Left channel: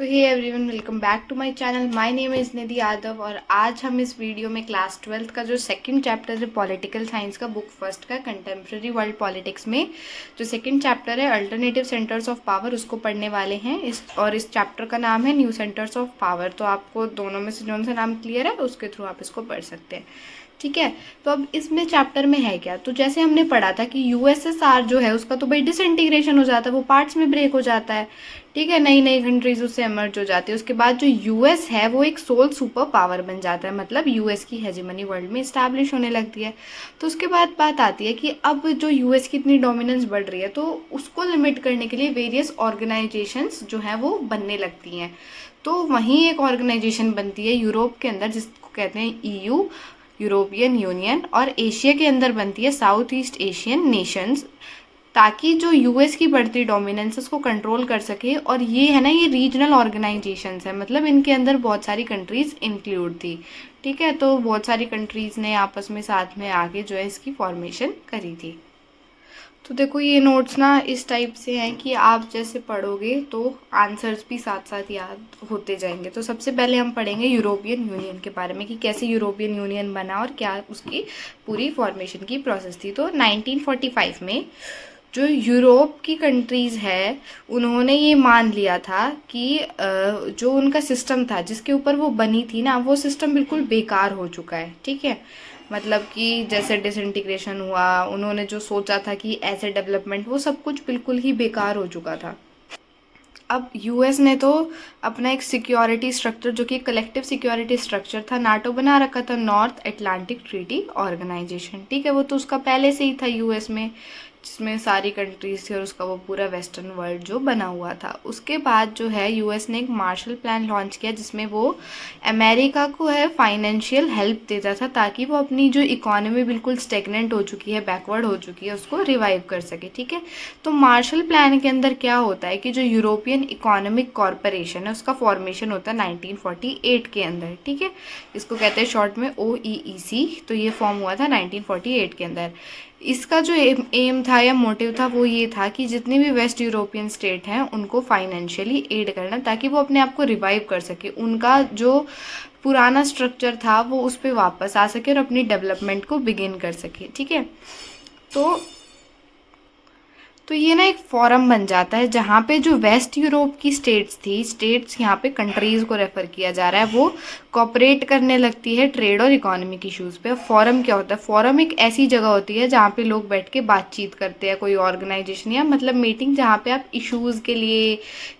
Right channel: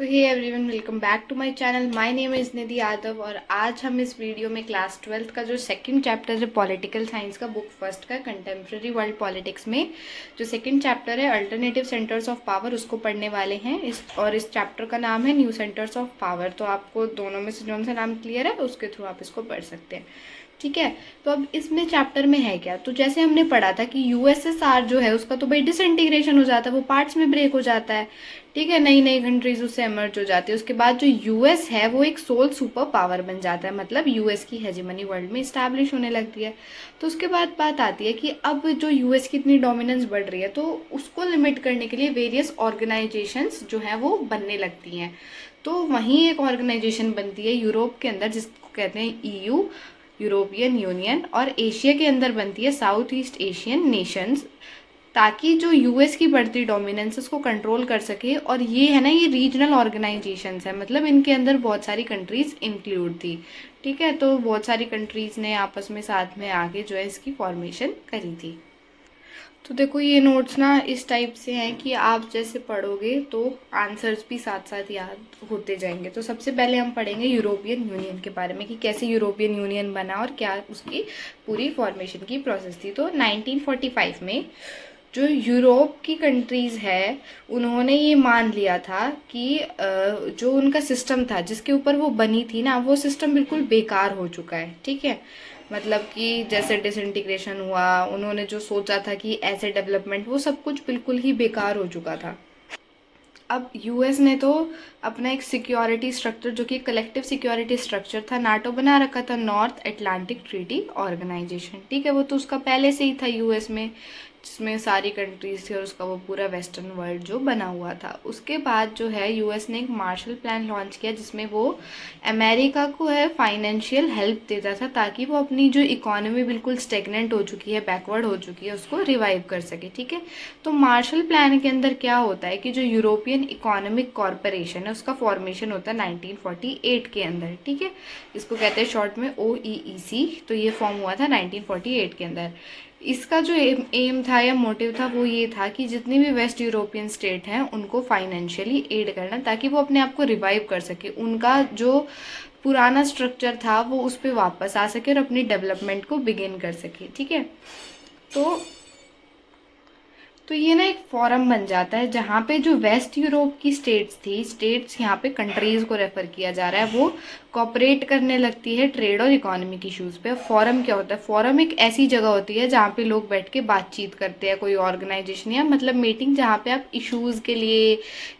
So hey everyone, welcome back to my channel. My name is Nidhi Yadav और आज हम इस वीडियो में क्लास 12th का जो सेकंड चैप्टर है पॉलिटिकल साइंस का, बुक फर्स्ट का कंटेम्प्रेरी वर्ल्ड पॉलिटिक्स में जो सेकंड चैप्टर है अल्टरनेटिव सेंटर्स ऑफ पावर, उसको पढ़ने वाले हैं। इस चैप्टर का नाम है न्यू सेंटर्स ऑफ पावर। तो आपको दोनों में से जो सा नाम क्लियर है उसके थ्रू आप इसको पढ़ सकते हैं, ठीक है। तो अब इसमें चैप्टर में है क्या, तो जैसे हमने पढ़ा था कि यूएसएसआर जो है उसका तो भाई डिसइंटीग्रेशन हो जाता है, वो पार्ट्स में ब्रेक हो जाता है, ठीक है। नई नई कंट्रीज उससे एमर्ज हो जाती है। उसके बाद जो यूएस है वो एक सोल सुपर पावर बन जाता है, मतलब यूएस की हेजेमनी वर्ल्ड में स्टैब्लिश होने लगती है। तो उसके बाद बात आती है कि अब जो यूएस की इतनी डोमिनेंस बढ़ रही है तो उसको लिमिट करने के लिए वेरियस ऑर्गेनाइजेशंस जो है वो बनने लगती हैं। तो वहीं एक ऑर्गेनाइजेशन बनती है यूरोप के अंदर जिसको कहते हैं ईयू, यूरोपियन यूनियन, और एशिया के अंदर बनती है साउथ ईस्ट एशियन नेशंस, ताकि जो यूएस की बढ़ती डोमिनेंस उसको कंट्रोल कर सके। और ये है ना, ये रीजनल ऑर्गेनाइजेशंस है, मतलब इनके अंदर बहुत सारी कंट्रीज इंक्लूड थी, ठीक है। तो बहुत सारी कंट्रीज ने आपस में साथ में आके जो है इसकी फॉर्मेशन करी थी। तो देखो ये नोट्स ना इस टाइप से हैं कि आप जैसे पढ़ोगे तो आंसर्स भी साथ साथ याद होते जाएंगे। तो सबसे पहले हम पढ़ेंगे यूरोपियन यूनियन के बारे में कि कैसे यूरोपियन यूनियन बना और क्या उसकी पूरी फॉर्मेशन की प्रोसेस थी। तो 1945 में जो यूरोप की कंट्रीज़ है उन्होंने ये मान लिया था कि जो उनका सिस्टम था जिसके ऊपर वो बनी थी ना, वो सिस्टम बिल्कुल बेकार हो चुका है, ठीक है। मतलब कि जैसे डिसइंटीग्रेशन हुआ, उन्होंने जो सोचा था कि ऐसे डेवलपमेंट, वो सब कुछ बिल्कुल ही बेकार हो चुका था। अब यूएस ने तो अपना एक सिक्योरिटी स्ट्रक्चर जो कि कलेक्टिव सिक्योरिटी स्ट्रक्चर था, नाटो बना रखा था, नॉर्थ अटलांटिक ट्रीटी ऑर्गेनाइजेशन, ठीक है। वो तो उसका पहले से ही था यूएस में, जिसमें सारी कंट्रीज थी और उसका वो पूरा वेस्टर्न वर्ल्ड जो बना हुआ था। उसके बाद जो है यूएस ने एक मार्शल प्लान लॉन्च किया जिसमें वो अमेरिका को है फाइनेंशियल हेल्प देता था ताकि वो अपनी जो इकोनॉमी बिल्कुल स्टेगनेंट हो चुकी है, बैकवर्ड हो चुकी है, उसको रिवाइव कर सके, ठीक है। तो मार्शल प्लान के अंदर क्या होता है कि जो यूरोपियन इकोनॉमिक कॉरपोरेशन है उसका फॉर्मेशन होता है 1948 के अंदर, ठीक है। इसको कहते हैं शॉर्ट में OEEC। तो ये फॉर्म हुआ था 1948 के अंदर। इसका जो एम था या मोटिव था वो ये था कि जितने भी वेस्ट यूरोपियन स्टेट हैं उनको फाइनेंशियली एड करना ताकि वो अपने आप को रिवाइव कर सके, उनका जो पुराना स्ट्रक्चर था वो उस पर वापस आ सके और अपनी डेवलपमेंट को बिगिन कर सके, ठीक है। तो ये ना एक फोरम बन जाता है जहाँ पे जो वेस्ट यूरोप की स्टेट्स थी, स्टेट्स यहाँ पे कंट्रीज को रेफर किया जा रहा है, वो कॉपरेट करने लगती है ट्रेड और इकोनॉमिक इश्यूज पे। फोरम क्या होता है? फोरम एक ऐसी जगह होती है जहाँ पे लोग बैठ के बातचीत करते हैं, कोई ऑर्गेनाइजेशन या मतलब मीटिंग जहाँ पे आप इश्यूज के लिए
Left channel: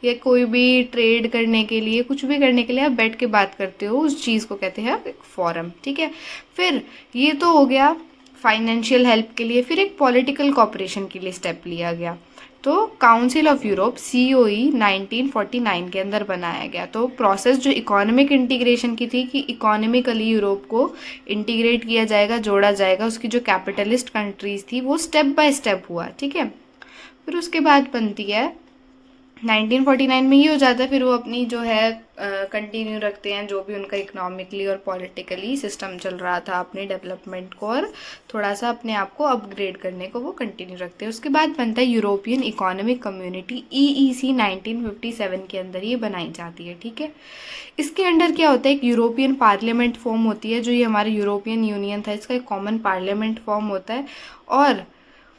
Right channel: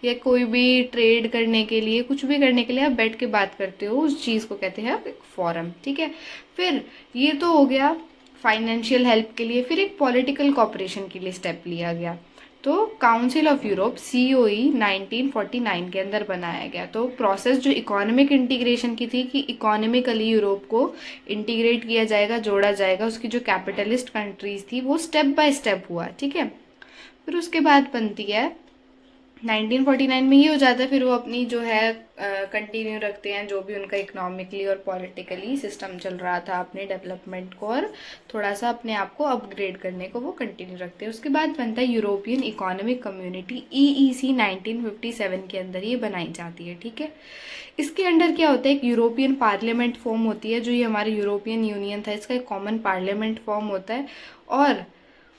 या कोई भी ट्रेड करने के लिए, कुछ भी करने के लिए आप बैठ के बात करते हो, उस चीज़ को कहते हैं फोरम, ठीक है। फिर ये तो हो गया फाइनेंशियल हेल्प के लिए। फिर एक पॉलिटिकल कॉपरेशन के लिए स्टेप लिया गया। तो काउंसिल ऑफ यूरोप COE 1949 के अंदर बनाया गया। तो प्रोसेस जो इकोनॉमिक इंटीग्रेशन की थी कि इकोनॉमिकली यूरोप को इंटीग्रेट किया जाएगा, जोड़ा जाएगा, उसकी जो कैपिटलिस्ट कंट्रीज थी वो स्टेप बाय स्टेप हुआ, ठीक है। फिर उसके बाद बनती है 1949 में ये हो जाता है। फिर वो अपनी जो है कंटिन्यू रखते हैं जो भी उनका इकोनॉमिकली और पॉलिटिकली सिस्टम चल रहा था, अपने डेवलपमेंट को और थोड़ा सा अपने आप को अपग्रेड करने को वो कंटिन्यू रखते हैं। उसके बाद बनता है यूरोपियन इकोनॉमिक कम्युनिटी EEC 1957 के अंदर ये बनाई जाती है, ठीक है। इसके अंडर क्या होता है, एक यूरोपियन पार्लियामेंट फॉर्म होती है, जो ये हमारा यूरोपियन यूनियन था इसका एक कॉमन पार्लियामेंट फॉर्म होता है। और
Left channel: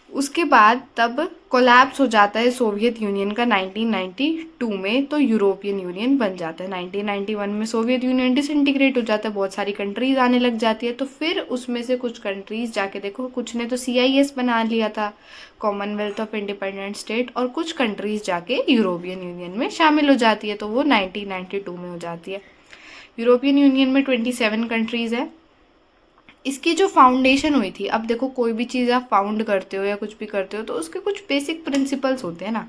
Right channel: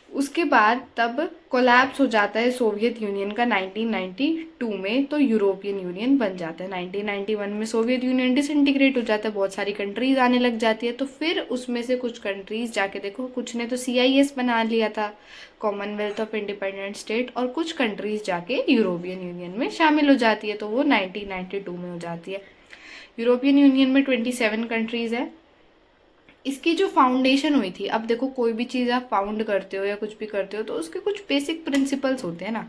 उसके बाद तब कोलैप्स हो जाता है सोवियत यूनियन का 1992 में, तो यूरोपियन यूनियन बन जाता है। 1991 में सोवियत यूनियन डिसइंटीग्रेट हो जाता है, बहुत सारी कंट्रीज आने लग जाती है। तो फिर उसमें से कुछ कंट्रीज जाके देखो, कुछ ने तो CIS बना लिया था, कॉमनवेल्थ ऑफ इंडिपेंडेंट स्टेट, और कुछ कंट्रीज जाके यूरोपियन यूनियन में शामिल हो जाती है, तो वो 1992 में हो जाती है। यूरोपियन यूनियन में 27 कंट्रीज है। इसकी जो फाउंडेशन हुई थी, अब देखो कोई भी चीज़ आप फाउंड करते हो या कुछ भी करते हो तो उसके कुछ बेसिक प्रिंसिपल्स होते हैं ना।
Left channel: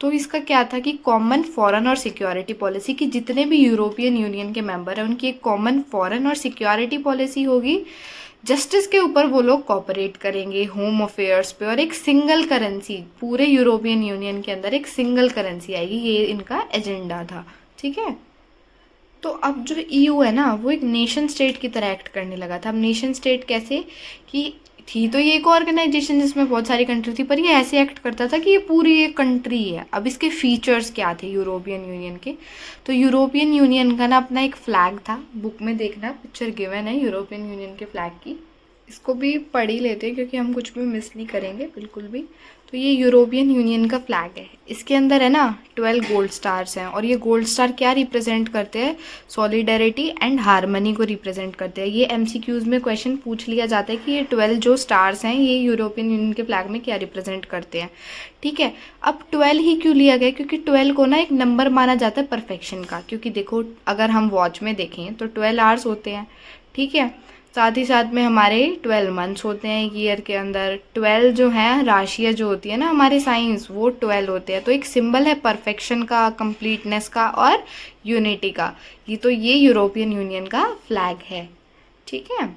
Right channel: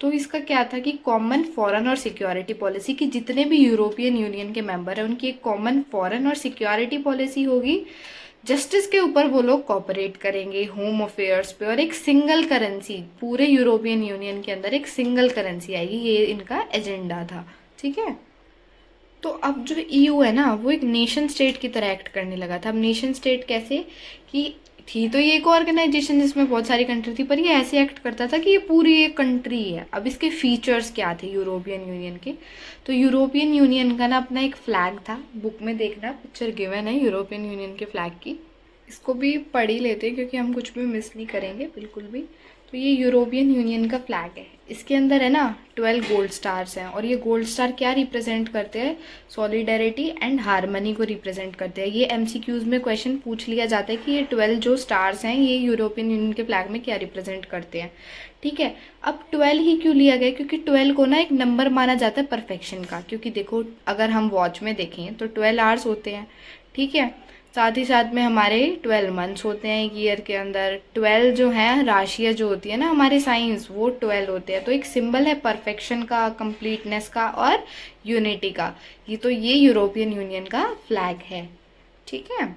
तो इसका क्या था कि कॉमन फॉरेन और सिक्योरिटी पॉलिसी, की जितने भी यूरोपियन यूनियन के मेंबर हैं उनकी एक कॉमन फॉरेन और सिक्योरिटी पॉलिसी होगी। जस्टिस के ऊपर वो लोग कॉपरेट करेंगे, होम अफेयर्स पे, और एक सिंगल करेंसी, पूरे यूरोपियन यूनियन के अंदर एक सिंगल करेंसी आएगी, ये इनका एजेंडा था, ठीक है। तो अब जो ईयू है ना वो एक नेशन स्टेट की तरह एक्ट करने लगा था। अब नेशन स्टेट कैसे, कि थी तो ये एक ऑर्गेनाइजेशन जिसमें बहुत सारी कंट्री थी, पर ये ऐसे एक्ट करता था कि ये पूरी एक कंट्री है। अब इसके फीचर्स क्या थे यूरोपियन यूनियन के, तो यूरोपियन यूनियन का ना अपना एक फ्लैग था, बुक में देखना पिक्चर गिवन है यूरोपियन यूनियन के फ्लैग की, इसको भी पढ़ ही लेते हैं क्योंकि हम कुछ भी मिस नहीं करेंगे बिल्कुल भी। तो ये यूरोपियन यूनियन का फ्लैग है, इसके अंदर है ना 12 गोल्ड स्टार्स हैं, और ये गोल्ड स्टार क्या रिप्रेजेंट करते हैं, सॉलिडेरिटी एंड हार्मनी को रिप्रेजेंट करते हैं। ये एमसीक्यूज में क्वेश्चन पूछ लिया जाता है कि ये 12 जो स्टार्स हैं ये यूरोपियन यूनियन के फ्लैग में क्या रिप्रेजेंट करते हैं। ठीक है, अब 12 ही क्यों लिया गया, क्योंकि 12 को ना एक नंबर माना जाता है परफेक्शन का, क्योंकि देखो अगर हम वॉच में देखें तो 12 आवर्स होते हैं। ठीक है, साथ ही साथ में हमारे 12 मंथ्स होते हैं एक ईयर के अंदर। 12 जो है राशियाँ जो होती है ना हमारे साइंस, वो 12 होते हैं। तो एक सिंबल है परफेक्शन का, कंप्लीटनेस का और यूनिटी का। ये यूरोपियन यूनियन का फ्लैग है। ठीक है,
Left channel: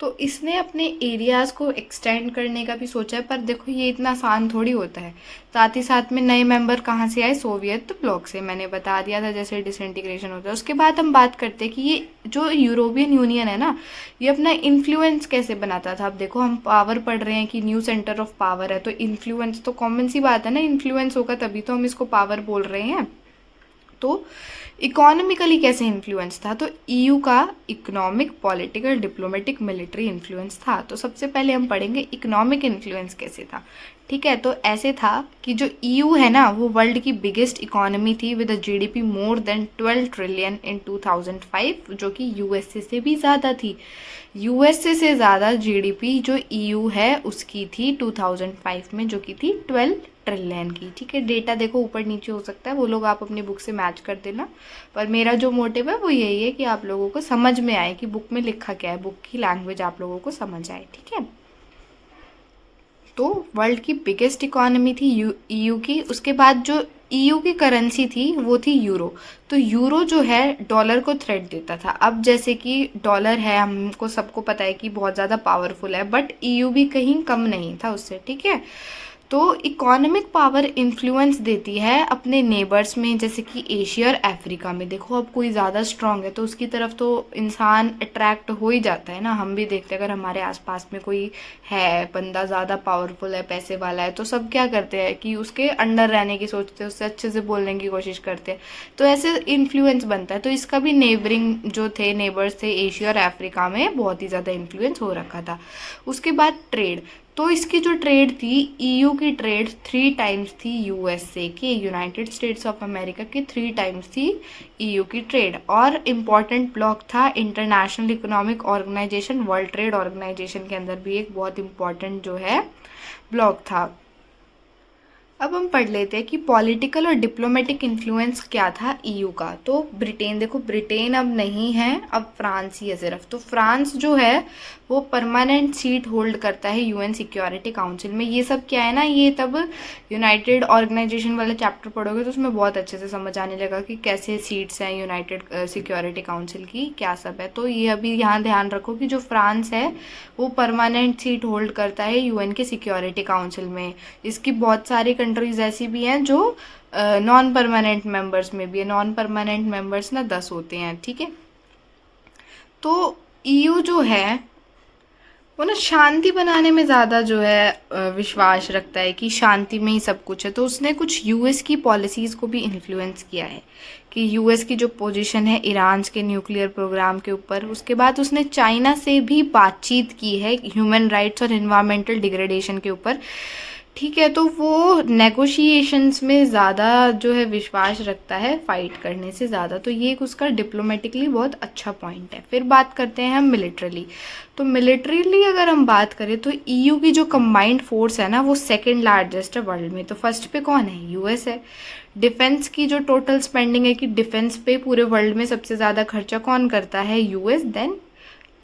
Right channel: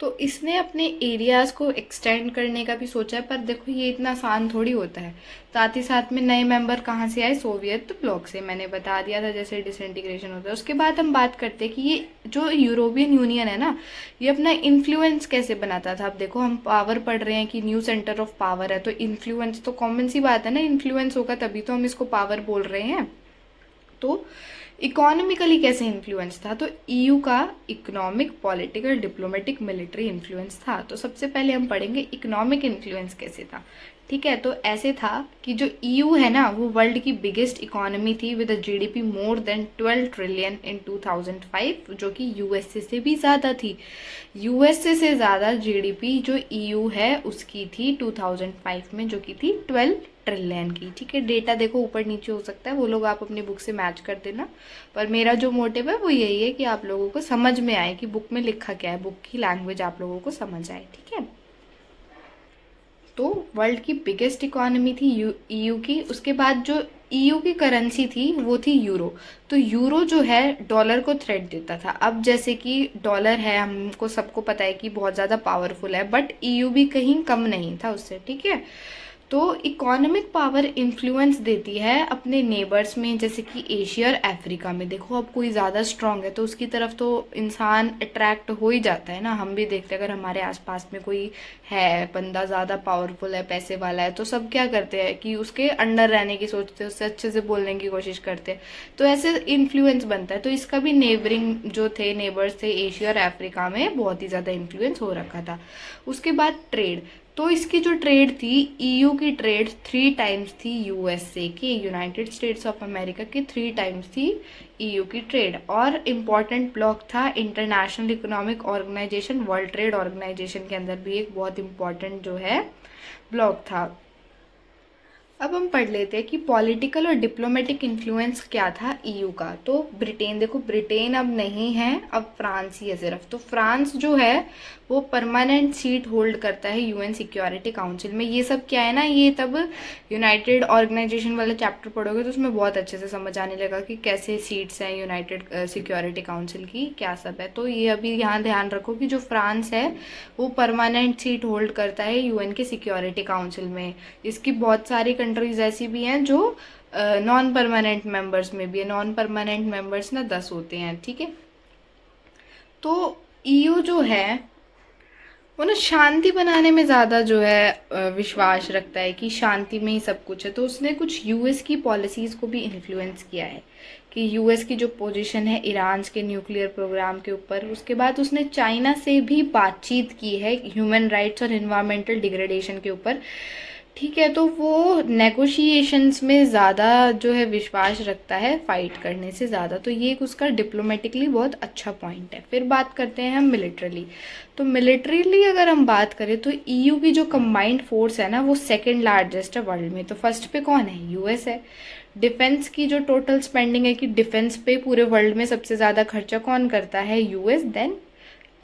तो इसने अपने एरियाज़ को एक्सटेंड करने का भी सोचा है, पर देखो ये इतना आसान थोड़ी होता है। साथ ही साथ में नए मेंबर कहाँ से आए, सोवियत ब्लॉक से, मैंने बता दिया था जैसे डिसइंटीग्रेशन होता है। उसके बाद हम बात करते हैं कि ये जो यूरोपियन यूनियन है ना, ये अपना इन्फ्लुएंस कैसे बनाता था। अब देखो हम पावर पढ़ रहे हैं कि न्यू सेंटर ऑफ पावर है, तो इन्फ्लुएंस तो कॉमन सी बात है ना, इन्फ्लुएंस होगा तभी तो हम इसको पावर बोल रहे हैं। तो इकोनॉमिकली कैसे इन्फ्लुएंस था, तो ईयू का economic, political, diplomatic, military influence था। तो सबसे पहले हम पढ़ेंगे इकोनॉमिक इन्फ्लुएंस कैसे था। ठीक है, तो ऐसे था कि जो ईयू है ना वो वर्ल्ड की बिगेस्ट इकोनॉमी थी with a GDP more than 12 trillion इन 2005, जो कि यूएसए से भी ज़्यादा थी। यूएसए से ज़्यादा जीडीपी जो ईयू है उसकी थी 2005 में, जो कि थी 12 ट्रिलियन की। ठीक है, डेटा देखो ऊपर नीचे हो सकता है, वो लोग आप अपनी बुक से मैच कर देना, पर मेरा जो मोटिव है वो यही है कि आप लोगों को समझ में आए कि बुक में लिखा क्या है, बुक की लैंग्वेज आप लोगों को समझ आए। ठीक है, तो वर्ल्ड की बिगेस्ट इकोनॉमी थी ईयू की। उसके बाद जो ईयू की करेंसी थी वो थी यूरो। तो यूरो जो है डॉलर को थ्रेट देता था। अब जैसे कि डॉलर है, हमको सबको पता है कि बहुत ज़्यादा पावरफुल है, बट ईयू भी कहीं कम नहीं था उससे। ठीक है, तो इकोनॉमिक पावर इन्फ्लुएंस देती है अपने नेबर्स में, जैसे कि एशिया और अफ्रीका में। देखो अब कोई ज़्यादा स्ट्रांग है तो उसकी तरफ तो इंसान अट्रैक्ट हो ही जाता है ना। हम भी देखते हैं अगर हमारे आसपास में कोई है बंदा ज़्यादा पावरफुल है, पैसे वाला है, तो सब क्या करते हैं कि उसके अंडर रहने की सोचते हैं, उससे अच्छे से बोलने की कोशिश करते हैं, तो ऐसे इन्फ्लुएंस बनता है। तो इसका भी नेबरिंग जो थे, नेबर्स थे एशिया और अफ्रीका में, बहुत ही ज़्यादा इन्फ्लुएंस हो रखा था। उसके बाद ट्रेड, तो इसकी जो ट्रेड थी, ईयू की ट्रेड 3 टाइम्स थी यूएसए की, यूनाइटेड स्टेट्स ऑफ अमेरिका की 3 टाइम्स थी ईयू की ट्रेड। और इम्पॉर्टेंट ब्लॉक था international economic organisation, world trade organisation के अंदर भी एक बहुत इम्पॉर्टेंट जो है ब्लॉक था। अब हम पढ़ लेते हैं कि पॉलिटिकल और डिप्लोमेटिक इन्फ्लुएंस क्या था ईयू का। तो ब्रिटेन, देखो ब्रिटेन अब नहीं है, अब फ्रांस ही है सिर्फ। तो फ्रांस जो है वो परमानेंट सीट होल्ड करता है यूएन सिक्योरिटी काउंसिल में। ये सब क्या है ना, ये तब यूनाइटेड ऑर्गेनाइजेशन वाला चैप्टर पढ़ोगे तो उसमें बहुत अच्छे से समझ आने लगा कि कैसे सीट्स हैं यूनाइटेड सिक्योरिटी काउंसिल की, क्या सब है। तो ये अभी यहाँ ध्यान रखो कि जो फ्रांस है वो परमानेंट सीट होल्ड करता है यूएन के सिक्योरिटी काउंसिल में। इसकी बहुत सारी कंट्रीज ऐसी भी हैं जो नॉन परमानेंट मेंबर्स में भी है। नॉन परमानेंट मेंबर्स ना 10 होते हैं। ठीक है, तो ईयू जो है वो ना शांति बनाने में ज़्यादा जो है विश्वास रखता है कि शांति में ही सब कुछ है। तो उसने कुछ यूएस की पॉलिसीज़ को भी इन्फ्लुएंस किया है कि यूएस की जो पोजीशन है ईरान के न्यूक्लियर प्रोग्राम के ऊपर। उसके बाद उसने चाइना से भी बातचीत की है ह्यूमन राइट्स और इन्वायरमेंटल डिग्रेडेशन के ऊपर। ठीक है, तो वो नेगोशिएशंस में ज़्यादा जो है विश्वास रखता है फाइट करने से ज़्यादा। तो ये एक उसका डिप्लोमेटिकली बहुत अच्छा पॉइंट है। फिर बात करते हैं हम मिलिट्रली। तो मिलिट्रीली अगर हम बात करें तो ईयू की जो कंबाइंड फोर्स है ना वो सेकंड लार्जेस्ट है वर्ल्ड में। तो फर्स्ट पे कौन है, यूएस है। डिफेंस की जो टोटल स्पेंडिंग है कि डिफेंस पे पूरे वर्ल्ड में सबसे ज़्यादा खर्चा कौन करता है, यूएस, देन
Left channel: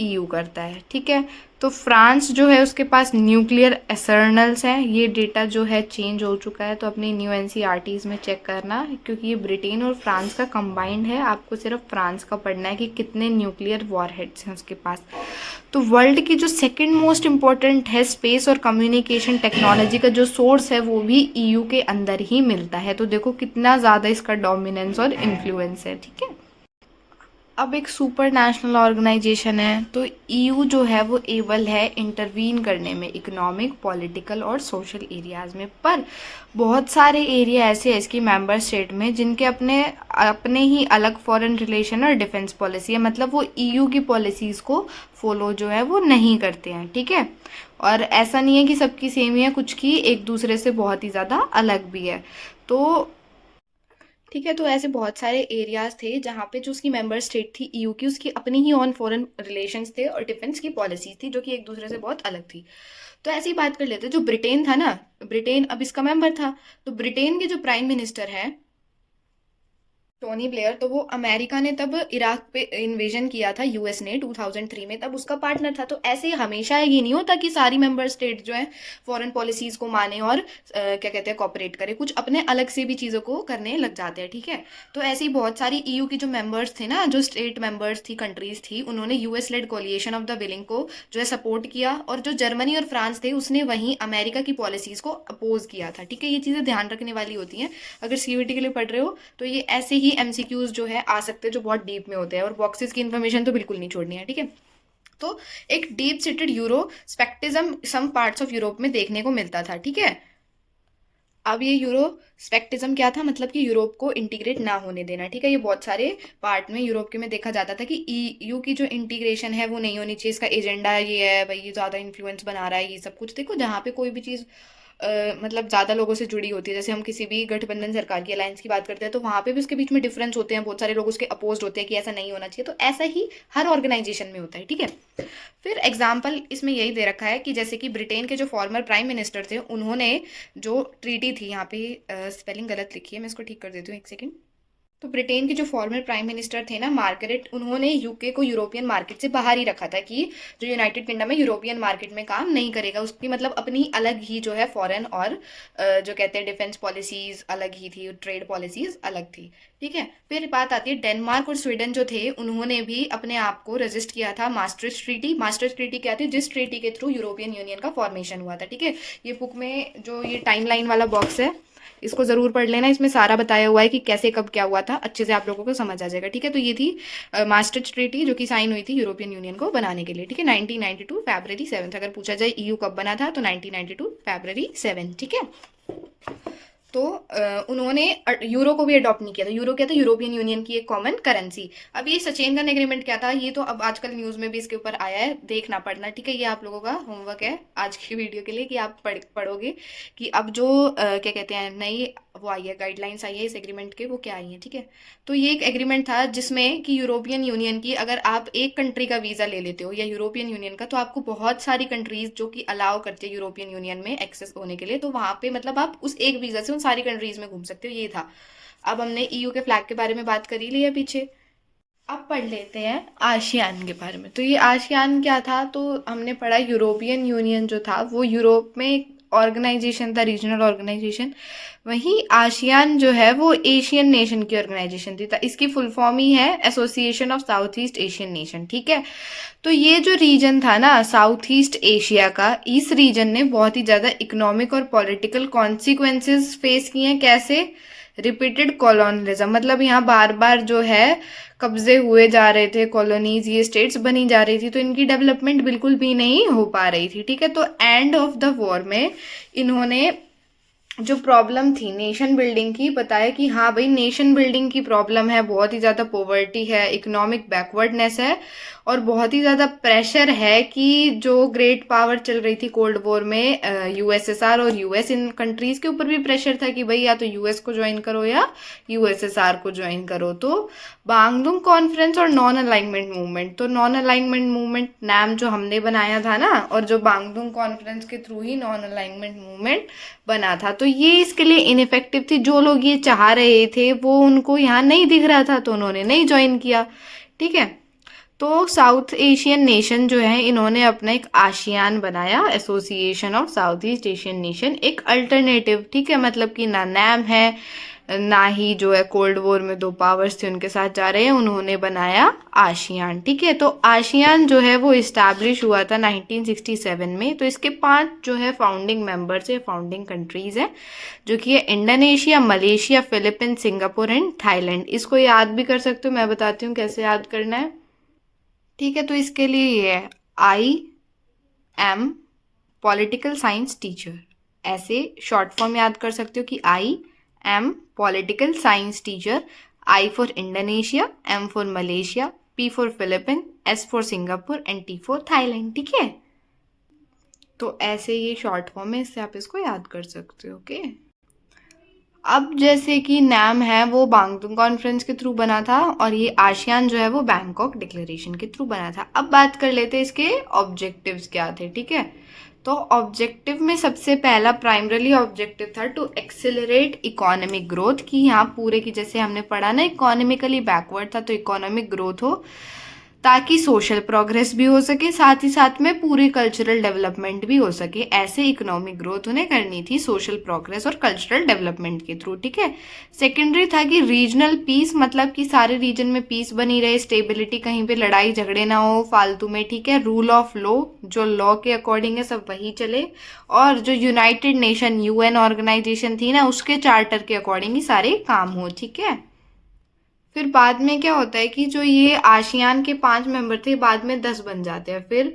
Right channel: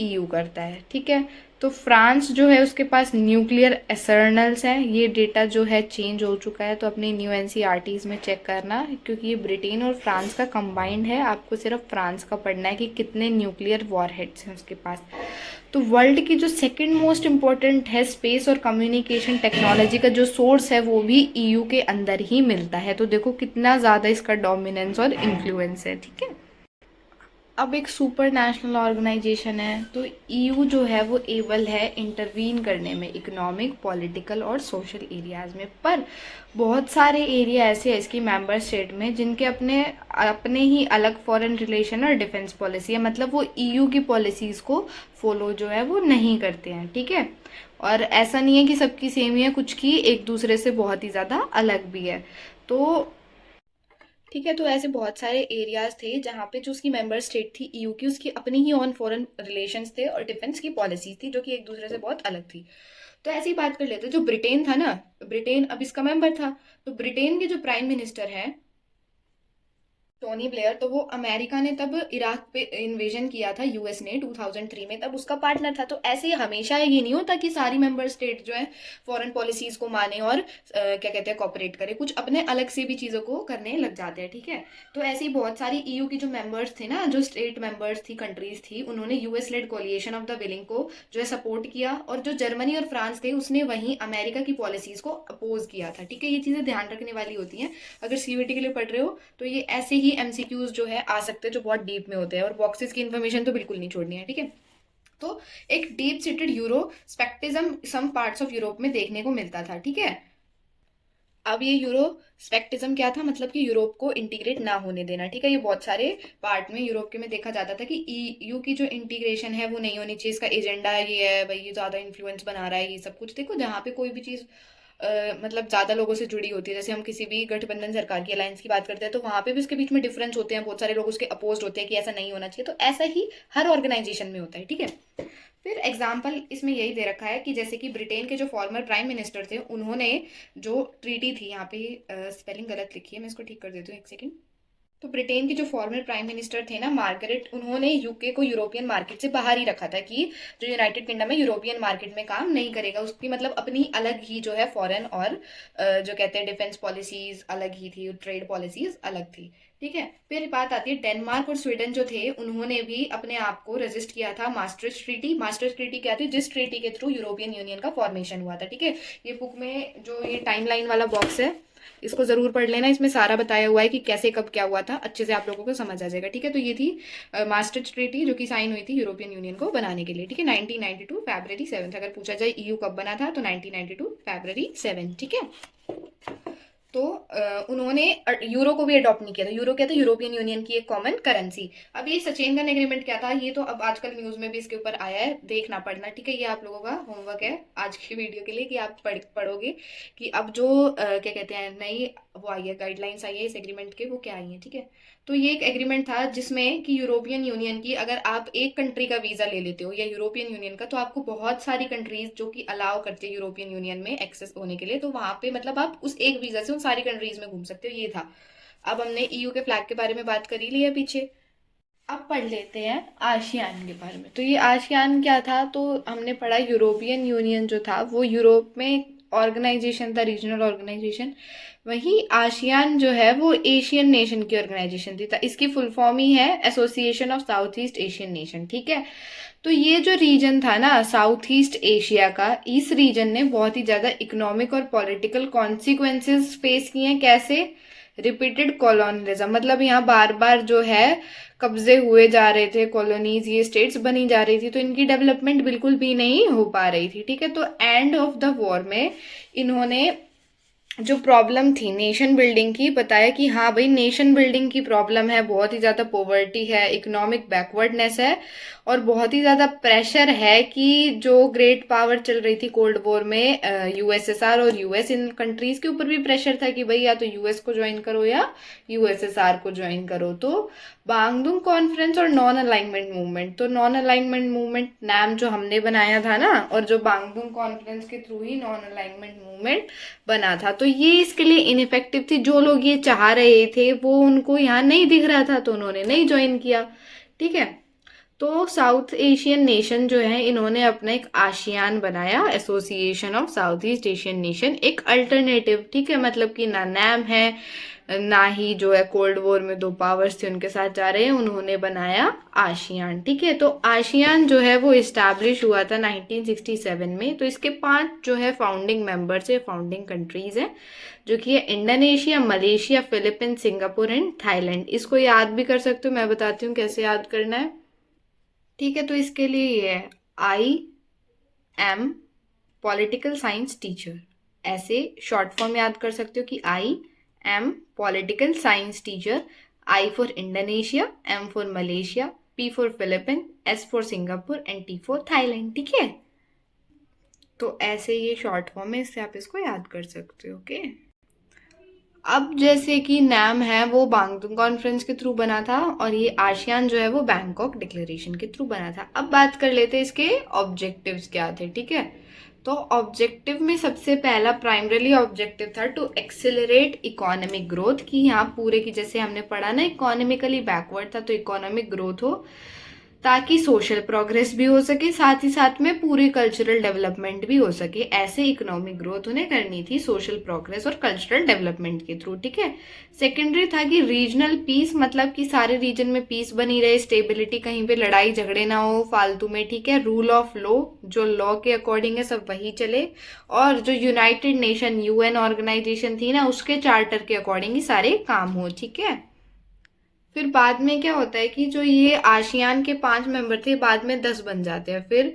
ईयू करता है। ठीक है, तो फ्रांस जो है उसके पास न्यूक्लियर आर्सेनल्स हैं। ये डेटा जो है चेंज हो चुका है, तो अपनी न्यू एनसीईआरटीज में चेक करना, क्योंकि ये ब्रिटेन और फ्रांस का कंबाइंड है। आपको सिर्फ फ्रांस का पढ़ना है कि कितने न्यूक्लियर वॉरहेड्स हैं उसके पास। तो वर्ल्ड की जो सेकंड मोस्ट इम्पोर्टेंट है स्पेस और कम्युनिकेशन टेक्नोलॉजी का जो सोर्स है वो भी ईयू के अंदर ही मिलता है। तो देखो कितना ज़्यादा इसका डोमिनेंस और इन्फ्लुएंस है। ठीक है, अब एक सुपर नेशनल ऑर्गेनाइजेशन है, तो ईयू जो है वो एबल है इंटरवीन करने में इकोनॉमिक, पॉलिटिकल और सोशल एरियाज़ में। पर बहुत सारे एरिया ऐसे हैं इसकी मेंबर स्टेट में जिनके अपने अपने ही अलग फॉरेन रिलेशन और डिफेंस पॉलिसी है, मतलब वो ईयू की पॉलिसीज़ को फॉलो जो है वो नहीं करते हैं, ठीक है। और ऐसा नहीं है कि सबकी सेम ही है, कुछ की एक दूसरे से बहुत ही ज़्यादा अलग भी है। तो ठीक है, तो ऐसे बहुत सारे एरियाज थे जहाँ पे जो उसकी मेंबर स्टेट थी ईयू की, उसकी अपनी ही ऑन फॉरेन रिलेशंस थे और डिफेंस की पॉलिसीज थी जो कि एक दूसरे से बहुत अलग थी। तो ऐसी बात कर लेते हैं, जो ब्रिटेन था ना, ब्रिटेन अब इसका मेंबर था, तो ब्रिटेन के जो प्राइम मिनिस्टर है टोनी ब्लेयर, तो वो अमेरिका ने तब इराक पे इन्वेजन किया था यूएस ने 2003 में, तब उसका पार्टनर था। तो ऐसे ही हमेशा ये नहीं होता कि सारी मेंबर स्टेट जो है फॉरेन पॉलिसीज को माने और क्या कहते हैं कॉपरेट करे, कुछ अपने अलग से भी चीज़ों को करने लग जाते हैं, ठीक है। तो ऐसी बहुत सारी ईयू की जो मेंबर्स थे ना, जो स्टेट मेंबर्स थी, कंट्रीज थी, उन्होंने US led coalition of the willing को जो है सपोर्ट किया, और जो जर्मनी और फ्रांस थे उसने वहीं अमेरिका की पॉलिसीज को अपोज किया था, ठीक है। ये चीज़ें ध्यान रखने वाली होती हैं अगर सीयूईटी के लिए पढ़ रहे हो, तो ये ऐसे ही एमसीक्यूज जो है आ सकते हैं जो बहुत डीप में होते हैं, और बॉक्सेस की इन्फॉर्मेशन तो बिल्कुल नहीं छोड़नी है, ठीक है। तो एक deep seated Euroscepticism some parts of Europe में देखने को मिलता था, ठीक है। अब ये यूरो स्पेक्टिज्म क्या था, मतलब कि यूरोप को इंटीग्रेट ना होने देना, ठीक है। ये बहुत सारे पार्ट में यूरोप के में देखा जाता था कि ईयू की जो इंटीग्रेशन है वो नहीं होनी चाहिए, इसका एजेंडा ये है भाई, ये ज़्यादा इन्फ्लुएंस बना रहा है, ये सब कुछ। देखो, जहाँ पे कोई भी चीज़ मतलब ज़्यादा लोगों से जुड़ी होती है, जैसे हम किसी भी गठबंधन सरकार की अलायंस की बात करते हैं, तो वहाँ पे भी उसके बीच में डिफरेंस होते हैं, बहुत सारे लोग उसके अपोज होते हैं कि ऐसा नहीं होना चाहिए। तो ऐसा ही हर ऑर्गेनाइजेशन में होता है, ठीक है। फिर एग्जाम्पल इसमें यही दे रखा है कि जैसे कि ब्रिटेन के जो फॉर्मर प्राइम मिनिस्टर थे, उन्होंने जो ट्रीटी थी, यहाँ पे स्पेलिंग गलत लिखी है, मैं इसको ठीक कर देती हूँ, एक सेकेंड। तो ब्रिटेन के जो फॉर्मर प्राइम मिनिस्टर थे ना, मार्गरेट, उन्होंने यूके को यूरोपियन मार्केट से बाहर ही रखा था कि जो यूनाइटेड किंगडम है यूरोपियन मार्केट में काम नहीं करेगा, उसकी मतलब अपनी अलग ही जो है फॉरेन और जो कहते हैं डिफेंस पॉलिसीज अलग ही थी, ट्रेड पॉलिसीज अलग थी, ठीक है। फिर बात आती है डेनमार्क और स्वीडन जो थे, उन्होंने भी अपने आप को रजिस्ट किया था मास्ट्रिच ट्रीटी। मास्ट्रिच ट्रीटी क्या थी, जिस ट्रीटी के थ्रू यूरोपियन यूनियन का फॉर्मेशन हुआ था, ठीक है। ये बुक में जो ये टाइमलाइन वाला बॉक्स है, इसको जरूर पढ़ लेना, इसमें सारा बताया हुआ है कि कैसे कब क्या हुआ था, अच्छे से आप लोगों को समझ आ जाएगा, ठीक है। तो ये थी मास्ट्रिच ट्रीटी जो कि साइन हुई थी यूरोपियन यूनियन को बनाने के लिए, ठीक है, 1992 फरवरी 7। अगर पूछा जाए ईयू कब बना था, तो 1992 फरवरी 7, ठीक है। तो उन्होंने यूरो को भी अडॉप्ट नहीं किया था। यूरो क्या था, यूरोपियन यूनियन की एक कॉमन करेंसी। अब ये सचेंद्रन एग्रीमेंट क्या था, ये तो अब आजकल न्यूज़ में भी इसके ऊपर आया है, देखना पढ़ना, ठीक है। ये आप लोगों का होमवर्क है आज की वीडियो के लिए कि आप पढ़ोगे कि अब जो क्या कहते हैं नई वो आई है, गाइडलाइंस आई है इस एग्रीमेंट के, वो क्या आई है, ठीक है। तो ये एक एग्रीमेंट था जिसमें कि यूरोपियन यूनियन की अगर आप एक कंट्री का वीज़ा ले लेते हो या यूरोपियन यूनियन का, तो आपको बहुत सारी कंट्रीज जो कि अलाउ करते हैं यूरोपियन यूनियन में एक्सेस होने के लिए, तो वहाँ पे मतलब आप उस एक वीज़ा से उन सारी कंट्रीज में घूम सकते हो, ये था। अब हमने ईयू के फ्लैग के बारे में बात कर ही ली है पीछे। अब पढ़ लेते हैं आशियान के बारे में। तो ये आशियान क्या था, तो हमने पढ़ा यूरोपियन यूनियन जो था वो यूरोप में एक ऑर्गेनाइजेशन था, रीजनल ऑर्गेनाइजेशन। वहीं आशियान जो है वो एशियन नेशन की ऑर्गेनाइजेशन थी, तो इसकी फुल फॉर्म ही है association of south east Asian nation, ठीक है। तो ये जो रीजन था ना साउथ ईस्ट एशिया का, इस रीजन ने बहुत ही ज़्यादा इकोनॉमिक और पॉलिटिकल कॉन्सिक्वेंसेस फेस किए हैं। कैसे, रिपीटेड कॉलोनिज्म, मतलब यहाँ बार बार जो है कब्जे हुए जा रहे थे, कॉलोनीज, ये स्टेट्स बनी जा रही थी, तो इनकी डेवलपमेंट बिल्कुल भी नहीं हो पा रही थी, ठीक है। तो एंड ऑफ द वॉर में इन्होंने जो प्रॉब्लम थी नेशन बिल्डिंग की, बताया कि हाँ भाई नेशन बिल्डिंग की प्रॉब्लम है, बहुत ही ज़्यादा पॉवर्टी है, इकोनॉमिक बैकवर्डनेस है, और बहुत ही ज़्यादा प्रेशर है कि जो ग्रेट पावर चल रही थी कोल्ड वॉर में, यूएसएसआर और यूएस, इन कंट्रीज के ऊपर भी प्रेशर था कि भाई या तो यूएस को ज्वाइन करो या यूएसएसआर को ज्वाइन करो। तो बांगडुंग कॉन्फ्रेंस और नॉन अलाइनमेंट मूवमेंट, तो नॉन अलाइनमेंट मूवमेंट नाम जो हमने बनाया था ना, और जो बांगडुंग कॉन्फ्रेंस के थ्रू ही नॉन अलाइनमेंट मूवमेंट बना था, तो ये इसके लिए इनफेक्टिव थी। जो लोग ये चाह रहे थे वो उनको यहाँ नहीं दिख रहा था, तो उन्होंने नहीं ज्वाइन किया, ठीक है। तो साउथ एशियन नेशन जो है, इन्होंने अपना एक आशियान बनाया, association of south east Asian nation, एक अल्टरनेटिव, ठीक है, मतलब कि ना नाम है ना ही जो है कोल्ड वॉर में दो पावर्स थे उनके साथ जा रहे हैं, उन्होंने बनाया आसियान। ठीक है, तो आसियान जो है वो इस्टेब्लिश हुआ था 1967 में। तो इसके 5 जो है फाउंडिंग मेंबर्स है, फाउंडिंग कंट्रीज है, जो कि है Indonesia, Malaysia, Philippines, Singapore and Thailand. इसको याद भी कर सकते हो, मैं बताती हूँ कैसे याद करना है। ठीक है, तो इसके लिए ये है I M political science teacher, ऐसे शॉर्ट फॉर्म याद कर सकते हो कि I M political science teacher. I for Indonesia, M for Malaysia, P for Philippine, S for Singapore and T for Thailand. ठीक है, तो ऐसे ये शॉर्ट फॉर्म है, इससे आप इसको याद कर सकते हो। ओके, अब जैसे कि नाम है वो बांगतुंग कॉन्फ्रेंस के थ्रू बना था और ये आसियान जो है वो बैंकॉक डिक्लेरेशन के थ्रू बना था। अब बात कर लेते हैं इसके ऑब्जेक्टिव्स क्या थे। ठीक है, तो ऑब्जेक्टिव में सबसे पहला प्राइमरीली ऑब्जेक्टिव था टू एक्सेलरेट इकोनॉमिक ग्रोथ, की यहाँ पूरे की जैसे हमने पढ़ा ना इकोनॉमिकली बैकवर्ड था, तो इकोनॉमिक ग्रोथ हो ताकि सोशल प्रोग्रेस भी हो सके, साथ ही साथ में पूरी कल्चरल डेवलपमेंट भी हो सके। ऐसे इकोनॉमिक ग्रोथ उन्हें करनी थी सोशल प्रोग्रेस और कल्चरल डेवलपमेंट के थ्रू। ठीक है, सेकेंडरी था कि रीजनल पीस, मतलब कि सारे रीजन में पीस बनी रहे, स्टेबिलिटी, कहीं पे लड़ाई झगड़े ना हो फालतू में। ठीक है, रूल ऑफ लॉ, जो लॉ के अकॉर्डिंग है सब वही चले, और जो यूनाइटेड नेशन यूएन ऑर्गेनाइजेशन थी ना उसके चार्टर के अकॉर्डिंग ही सारे काम हो। ठीक है, फिर बाद में क्या होता है कि जो ये आसियान के 5 मेंबर थे बाद में 10 बन जाते हैं। फिर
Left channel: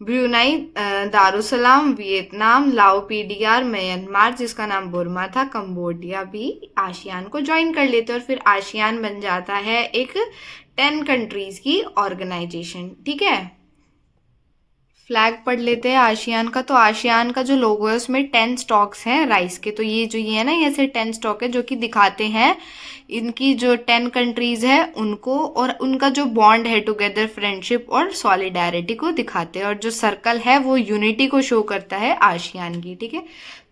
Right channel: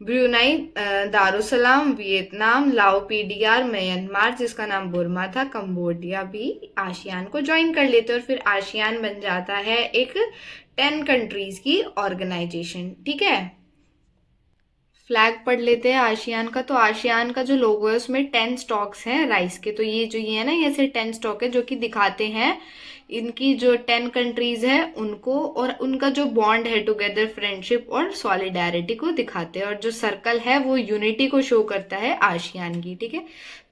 ब्रुनाई, दारुसलाम, वियतनाम, लाओ पीडीआर, म्यांमार जिसका नाम बुर्मा था, कंबोडिया भी आसियान को ज्वाइन कर लेते हैं और फिर आसियान बन जाता है एक 10 कंट्रीज की ऑर्गेनाइजेशन। ठीक है, फ्लैग पढ़ लेते हैं आसियान का। तो आसियान का जो लोगो है उसमें 10 स्टॉक्स हैं राइस के। तो ये जो ये है ना, ये ऐसे 10 स्टॉक है जो कि दिखाते हैं इनकी जो 10 कंट्रीज है उनको, और उनका जो बॉन्ड है टुगेदर, फ्रेंडशिप और सॉलिडारिटी को दिखाते हैं, और जो सर्कल है वो यूनिटी को शो करता है आसियान की। ठीक है,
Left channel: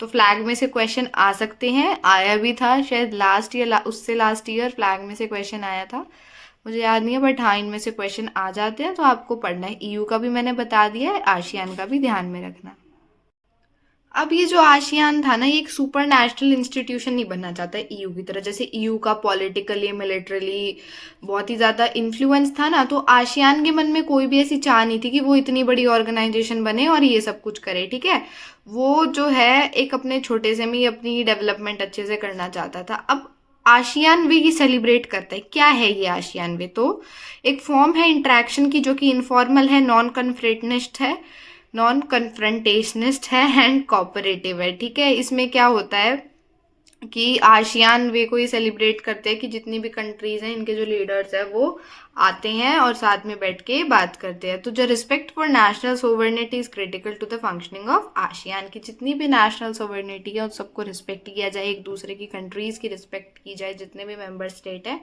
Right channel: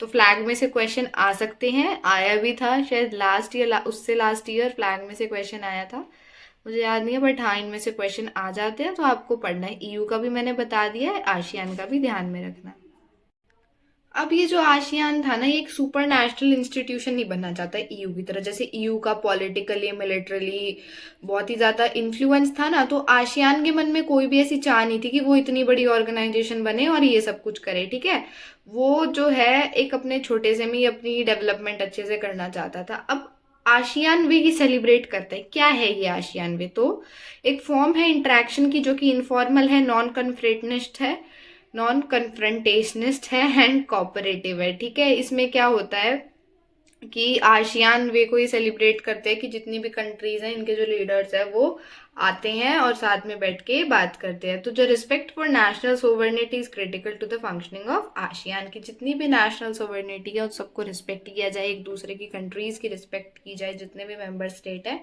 तो फ्लैग में से क्वेश्चन आ सकते हैं, आया भी था शायद लास्ट ईयर, उससे लास्ट ईयर फ्लैग में से क्वेश्चन आया था, मुझे याद नहीं है, बट हाँ इनमें से क्वेश्चन आ जाते हैं, तो आपको पढ़ना है। ईयू का भी मैंने बता दिया है, आसियान का भी ध्यान में रखना। अब ये जो आसियान था ना, ये एक सुपर नेशनल इंस्टीट्यूशन नहीं बनना चाहता है ईयू की तरह। जैसे ईयू का पॉलिटिकली मिलिट्रली बहुत ही ज्यादा इन्फ्लुएंस था ना, तो आसियान के मन में कोई भी ऐसी चाह नहीं थी कि वो इतनी बड़ी ऑर्गेनाइजेशन बने और ये सब कुछ करे। ठीक है, वो जो है एक अपने छोटे से में अपनी डेवलपमेंट अच्छे से करना चाहता था। अब आसियान वे ही सेलिब्रेट करते हैं। क्या है ये आसियान वे? तो एक फॉर्म है इंटरेक्शन की जो कि इनफॉर्मल है, नॉन कन्फ्रेटनिस्ट है, नॉन कन्फ्रंटेशनिस्ट है एंड कोऑपरेटिव है। ठीक है, इसमें क्या होता है कि आसियान वे को ये सेलिब्रेट करते हैं कि जितनी भी कंट्रीज हैं इनके जो लीडर्स हैं वो आते हैं और साथ में बैठ के बात करते हैं। तो जो respect for national sovereignty is critical to the functioning of ASEAN, की जितनी भी नेशनल सोवर्निटी है उन सबको रिस्पेक्ट किया जाए, एक दूसरे की कंट्रीज की रिस्पेक्ट की जाए, जितने भी मेंबर स्टेट है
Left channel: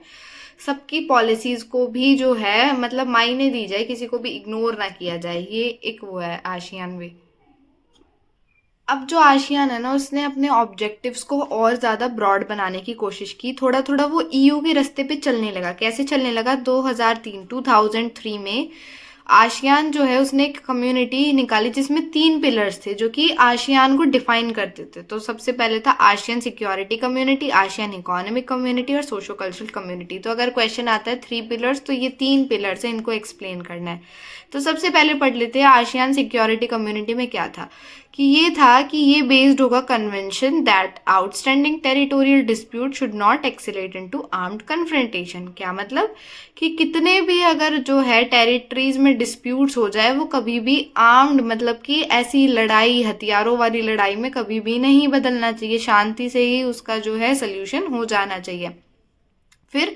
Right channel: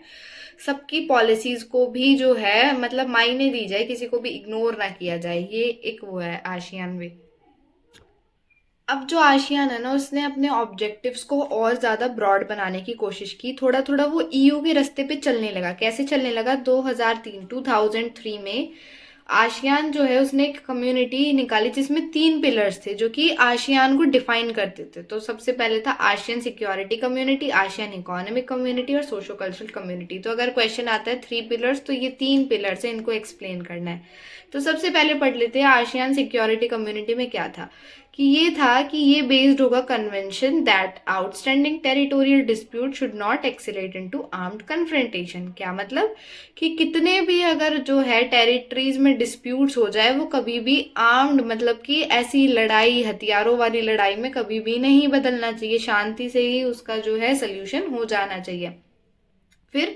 सबकी पॉलिसीज को भी जो है मतलब मायने दी जाए, किसी को भी इग्नोर ना किया जाए। ये एक वो है आसियान वे। अब जो आसियान है ना उसने अपने ऑब्जेक्टिव्स को और ज़्यादा ब्रॉड बनाने की कोशिश की, थोड़ा थोड़ा वो ईयू के रास्ते पे चलने लगा। कैसे चलने लगा? 2003 में आसियान जो है उसने एक कम्युनिटी निकाली जिसमें 3 पिलर्स थे जो कि आसियान को डिफाइन करते थे। तो सबसे पहले था ASEAN security community, ASEAN economic community और सोशो कल्चरल कम्युनिटी। तो अगर क्वेश्चन आता है 3 पिलर्स, तो ये 3 पिलर्स है, इनको एक्सप्लेन करना है। तो सबसे पहले पढ़ लेते हैं आसियान सिक्योरिटी कम्युनिटी में क्या था। कि ये था कि ये बेस्ड होगा convention that outstanding territorial dispute should not excel at into armed confrontation. क्या मतलब? कि कितने भी अगर जो है टेरिटरीज में डिस्प्यूट्स हो जाए वो कभी भी आर्म्ड, मतलब कि ऐसी लड़ाई, हथियारों वाली लड़ाई में कभी भी नहीं बदलना चाहिए, शांति से ही उसका जो है सोल्यूशन हो जाना चाहिए। फिर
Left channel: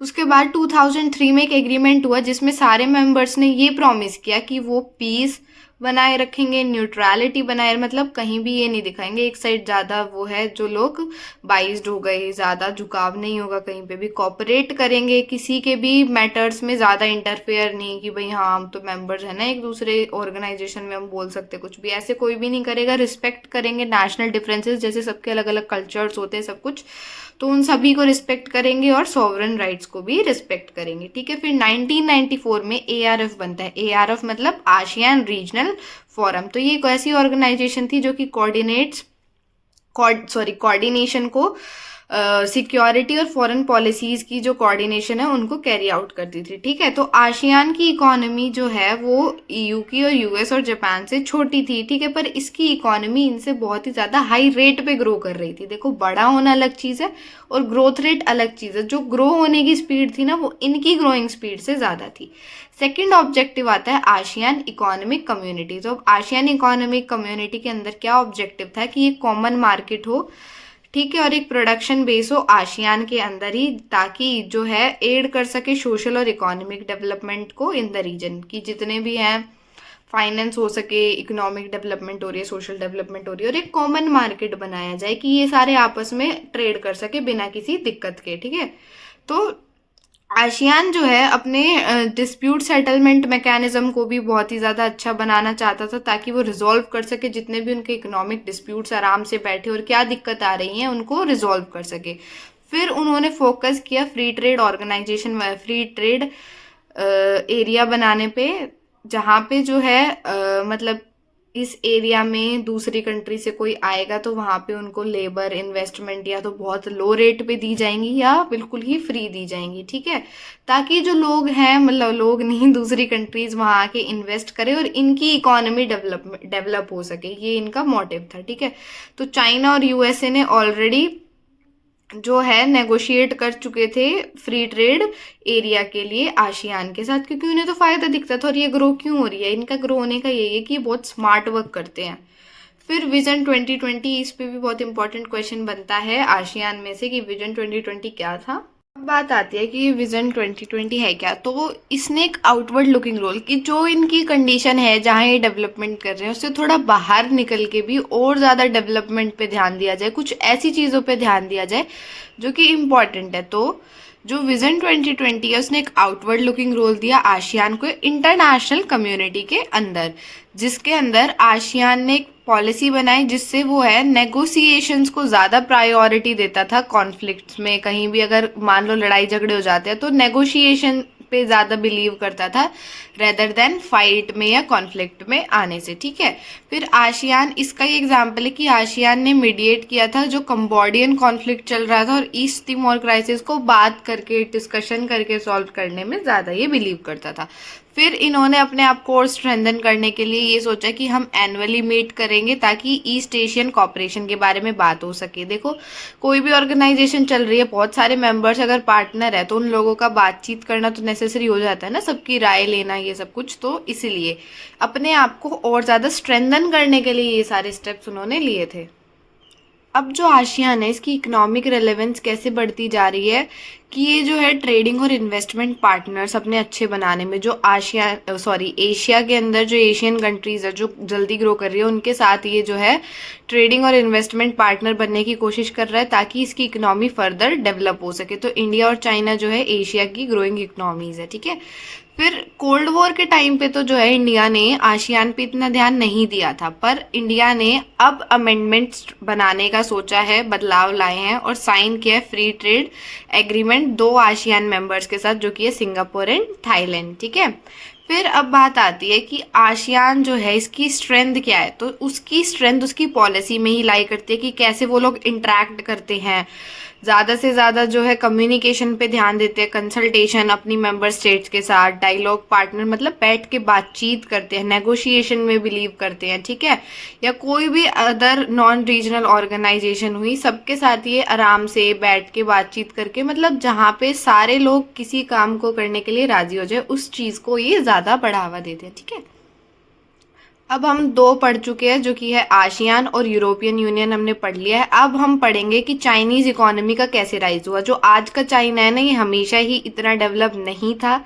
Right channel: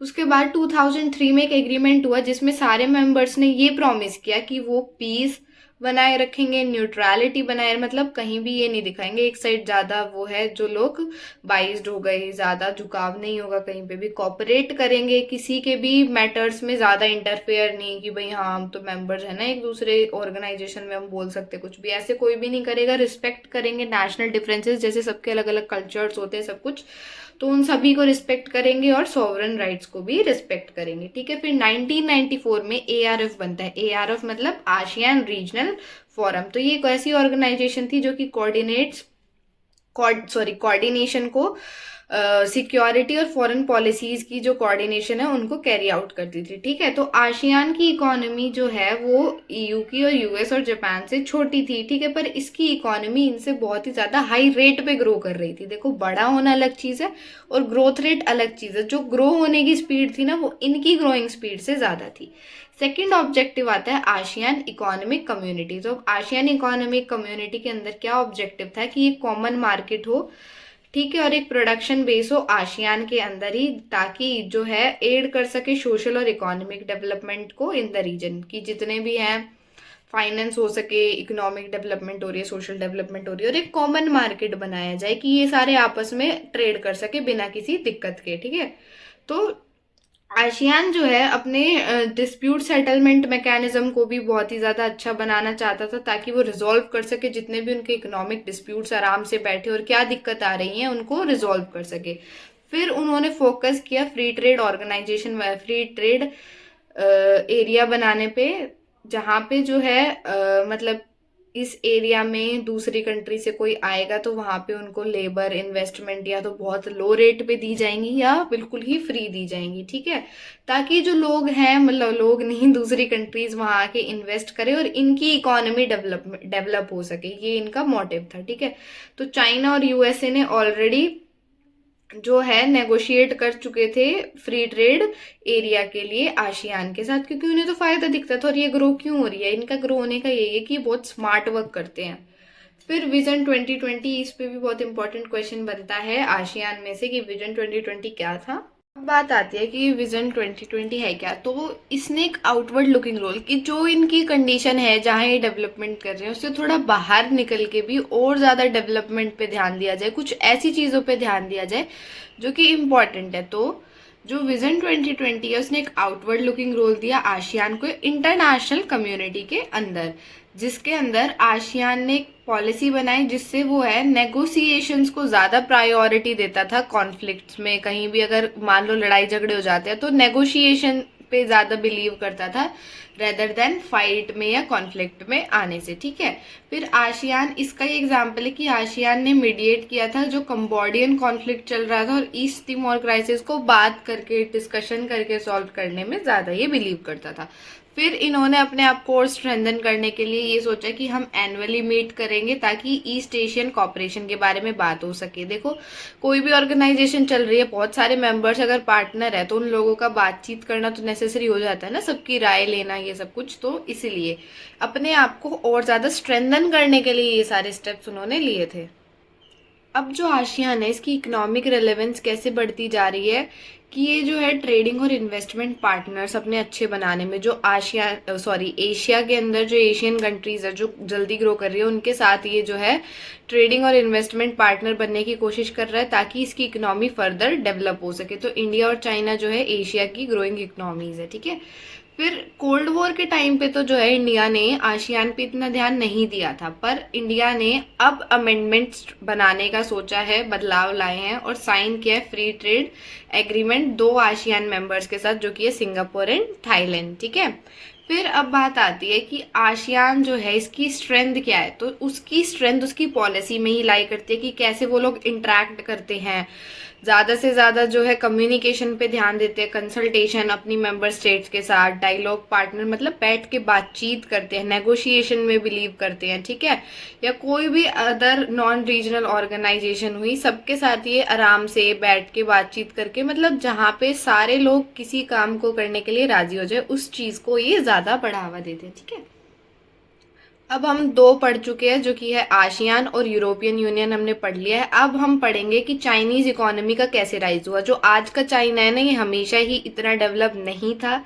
उसके बाद 2003 में एक एग्रीमेंट हुआ जिसमें सारे मेंबर्स ने ये प्रॉमिस किया कि वो पीस बनाए रखेंगे, न्यूट्रलिटी बनाए, मतलब कहीं भी ये नहीं दिखाएंगे एक साइड ज्यादा वो है जो लोग बाइज्ड हो गए, ज्यादा झुकाव नहीं होगा कहीं पे भी, कॉपरेट करेंगे, किसी के भी मैटर्स में ज्यादा इंटरफेयर नहीं कि भाई हाँ हम तो मेंबर्स है ना एक दूसरे ऑर्गेनाइजेशन में, हम बोल सकते कुछ भी, ऐसे कोई भी नहीं करेगा। रिस्पेक्ट करेंगे नेशनल डिफरेंसेस, जैसे सबके अलग अलग कल्चर्स होते हैं सब कुछ, तो उन सभी को रिस्पेक्ट करेंगे और सॉवरन राइट्स को भी रिस्पेक्ट करेंगे। ठीक है, फिर 1994 में एआरएफ बनता है। एआरएफ मतलब आसियान रीजनल फोरम। तो ये एक ऐसी ऑर्गेनाइजेशन थी जो कि कोऑर्डिनेशन को सिक्योरिटी और फॉरेन पॉलिसीज की जो कोऑर्डिनेशन है उनको कैरी आउट करती थी। ठीक है, तो आसियान की इकोनॉमी जो है वो ईयू की और यूएस और जापान से छोटी थी। ठीक है, पर इसकी इकोनॉमी इनसे बहुत ही ज़्यादा हाई रेट पे ग्रो कर रही थी। देखो, बड़ा होना अलग चीज़ है और ग्रोथ रेट अलग चीज़ है। जो ग्रो होने की स्पीड थी ना, वो इनकी ग्रोइंग स्पीड से ज़्यादा थी। सेकेंड ऑब्जेक्टिव आता है आसियान इकोनॉमिक कम्युनिटी। तो आसियान इकोनॉमिक कम्युनिटी के अंदर क्या ऑब्जेक्टिव था कि एक कॉमन मार्केट हो, ठीक है, और एक प्रोडक्शन बेस हो आसियान के अंदर ही, ताकि जो है एड कर सके सोशल और इकोनॉमिक डेवलपमेंट को इन द रीजन, की जितने भी हैं फाइनेंस हो सके, इकोनॉमिक डेवलपमेंट हो रही है, सोशल डेवलपमेंट हो रही है, और एक कॉमन मार्केट बनाया जाए कि ये सारे आपस में ट्रेड कर सके बिना किसी दिक्कत के। ठीक है, तो आसियान जो है अपने डिस्प्यूट सेटलमेंट मैकेनिज्म को भी बहुत ही ज़्यादा अच्छा बनाना चाहता था, ताकि वो रिजॉल्व कर सके जितने भी उनके इकोनॉमिक डिस्प्यूट्स, आराम से बैठे और क्या दिक्कत आ रही है उनको रिजॉल्व कर सके। फिर उन्होंने फोकस किया free trade organisation, free trade area बनाने पे, जहाँ पे जो है मतलब इस एरिया में दूसरी कंट्री से कोई आएगा तो वहाँ पे उनको लेबर इन्वेस्टमेंट या तो बहुत लो रेट पे दी जाएंगी या बिल्कुल ही फ्री दी जाएंगी। ठीक है, ताकि जो लोग हैं, मतलब लोग नहीं, दूसरी कंट्रीज वहाँ आके इन्वेस्ट करें और इनकी इकोनॉमी डेवलप हो सके, ये इनका मोटिव था। ठीक है, तो चाइना और यूएसए ने ऑलरेडी जो है नेगोशिएट कर चुके थे फ्री ट्रेड एरिया के लिए आसियान के साथ, क्योंकि उन्हें तो फायदा दिखता था। और ये ग्रो क्यों हो रही है, इनका ग्रो होने का यही है कि ये बहुत स्मार्ट वर्क करते हैं। फिर विजन 2020, इस पे भी बहुत इंपॉर्टेंट क्वेश्चन बनता है आसियान में से कि विजन 2020 क्या था। अब बात आती है कि विजन 2020 है क्या। तो इसने एक आउटवर्ड लुकिंग रोल, कि जो इनकी कंडीशन है जहाँ ये डेवलपमेंट कर रहे हैं उससे थोड़ा बाहर निकल के भी और ज़्यादा डेवलपमेंट पे ध्यान दिया जाए, कुछ ऐसी चीज़ों पे ध्यान दिया जाए जो कि इम्पॉर्टेंट है। तो जो विजन 2020 है उसने एक आउटवर्ड लुकिंग रोल दिया आसियान को इंटरनेशनल कम्युनिटी के अंदर, जिसके अंदर आसियान ने एक पॉलिसी बनाई जिससे वो है नेगोशिएशंस को ज़्यादा प्रायोरिटी देता था। कॉन्फ्लिक्ट्स में कहीं भी अगर मान लो लड़ाई झगड़े हो जाते हैं तो नेगोशिएशन पे ज़्यादा बिलीव करता था रेदर देन फाइट में या कॉन्फ्लिक्ट में आने से। ठीक है, फिर आसियान, इसका ही एग्जाम्पल है कि आसियान ने मीडिएट किया था जो कंबोडियन कॉन्फ्लिक्ट चल रहा था, और ईस्ट तिमोर क्राइसिस को बात करके, डिस्कशन करके सॉल्व करने में ज़्यादा ये बिलीव करता था। फिर इन्होंने अपने आप को और स्ट्रेंथन करने के लिए ये सोचा कि हम एनुअली मीट करेंगे ताकि ईस्ट एशियन कॉपरेशन के बारे में बात हो सके। देखो, कोई भी ऑर्गेनाइजेशन चल रही है, बहुत सारे मेंबर्स अगर पार्टनर है तो उन लोगों का बातचीत करना तो नेसेसरी हो जाता है ना, सबकी राय लेना, ये सब कुछ। तो इसीलिए अपने आप को और ज़्यादा स्ट्रेंथन करने के लिए ये सारे स्टेप्स उन्होंने लिए थे। अब जो आसियान है इसकी इकोनॉमिक रेलेवेंस कैसे बढ़ती जा रही है कि ये जो है ट्रेडिंग और इन्वेस्टमेंट पार्टनर्स अपने अच्छे बनाने में, जो एशिया के अंदर जो एशियन कंट्रीज है जो जल्दी ग्रो कर रही है उनके साथ ये जो है ट्रेडिंग और इन्वेस्टमेंट पार्टनर बनने की कोशिश कर रहा है ताकि इसकी इकोनॉमी फर्दर डेवलप हो सके। तो इंडिया और चाइना जो है एशिया की ग्रोइंग इकोनॉमीज है। ठीक है, फिर कोल्ड वॉर के टाइम पे तो जो है इंडिया ने आसियान पे इतना ध्यान नहीं दिया था, पर इंडिया ने अब अमेंडमेंट्स बनाने का सोचा है, बदलाव लाए हैं और साइन किया है free trade agreement 2 ASEAN members के साथ, जो कि है सिंगापुर एंड थाईलैंड। ठीक है, फिर अब बात आती है कि आसियान जो है इसकी स्ट्रेंथ क्या है। तो उसकी स्ट्रेंथ उसकी पॉलिसी में ही लाई करती है कि कैसे वो लोग इंटरेक्ट करते हैं, ज़्यादा से ज़्यादा जो है कम्युनिकेशन पे ध्यान देते हैं, कंसल्टेशन अपनी मेंबर स्टेट्स के साथ, डायलॉग पार्टनर मतलब बैठ के बातचीत करते हैं, नेगोशिएशन में बिलीव करते हैं। ठीक है, या कोई भी अदर नॉन रीजनल ऑर्गेनाइजेशन हुई, सबके साथ ये आराम से बैठ के बातचीत करके, मतलब जहाँ पे सारे लोग किसी काम को करने के लिए राजी हो जाए उस चीज़ को ये ज़्यादा बढ़ावा देते हैं। ठीक है, अब हम 2 पढ़ चुके हैं जो कि है आसियान और यूरोपियन यूनियन, हमने पढ़ लिया है। अब हम पढ़ेंगे कि चाइनीज इकोनॉमी का कैसे राइज हुआ। जो आज का चाइना है ना, ये हमेशा ही इतना डेवलप नहीं था।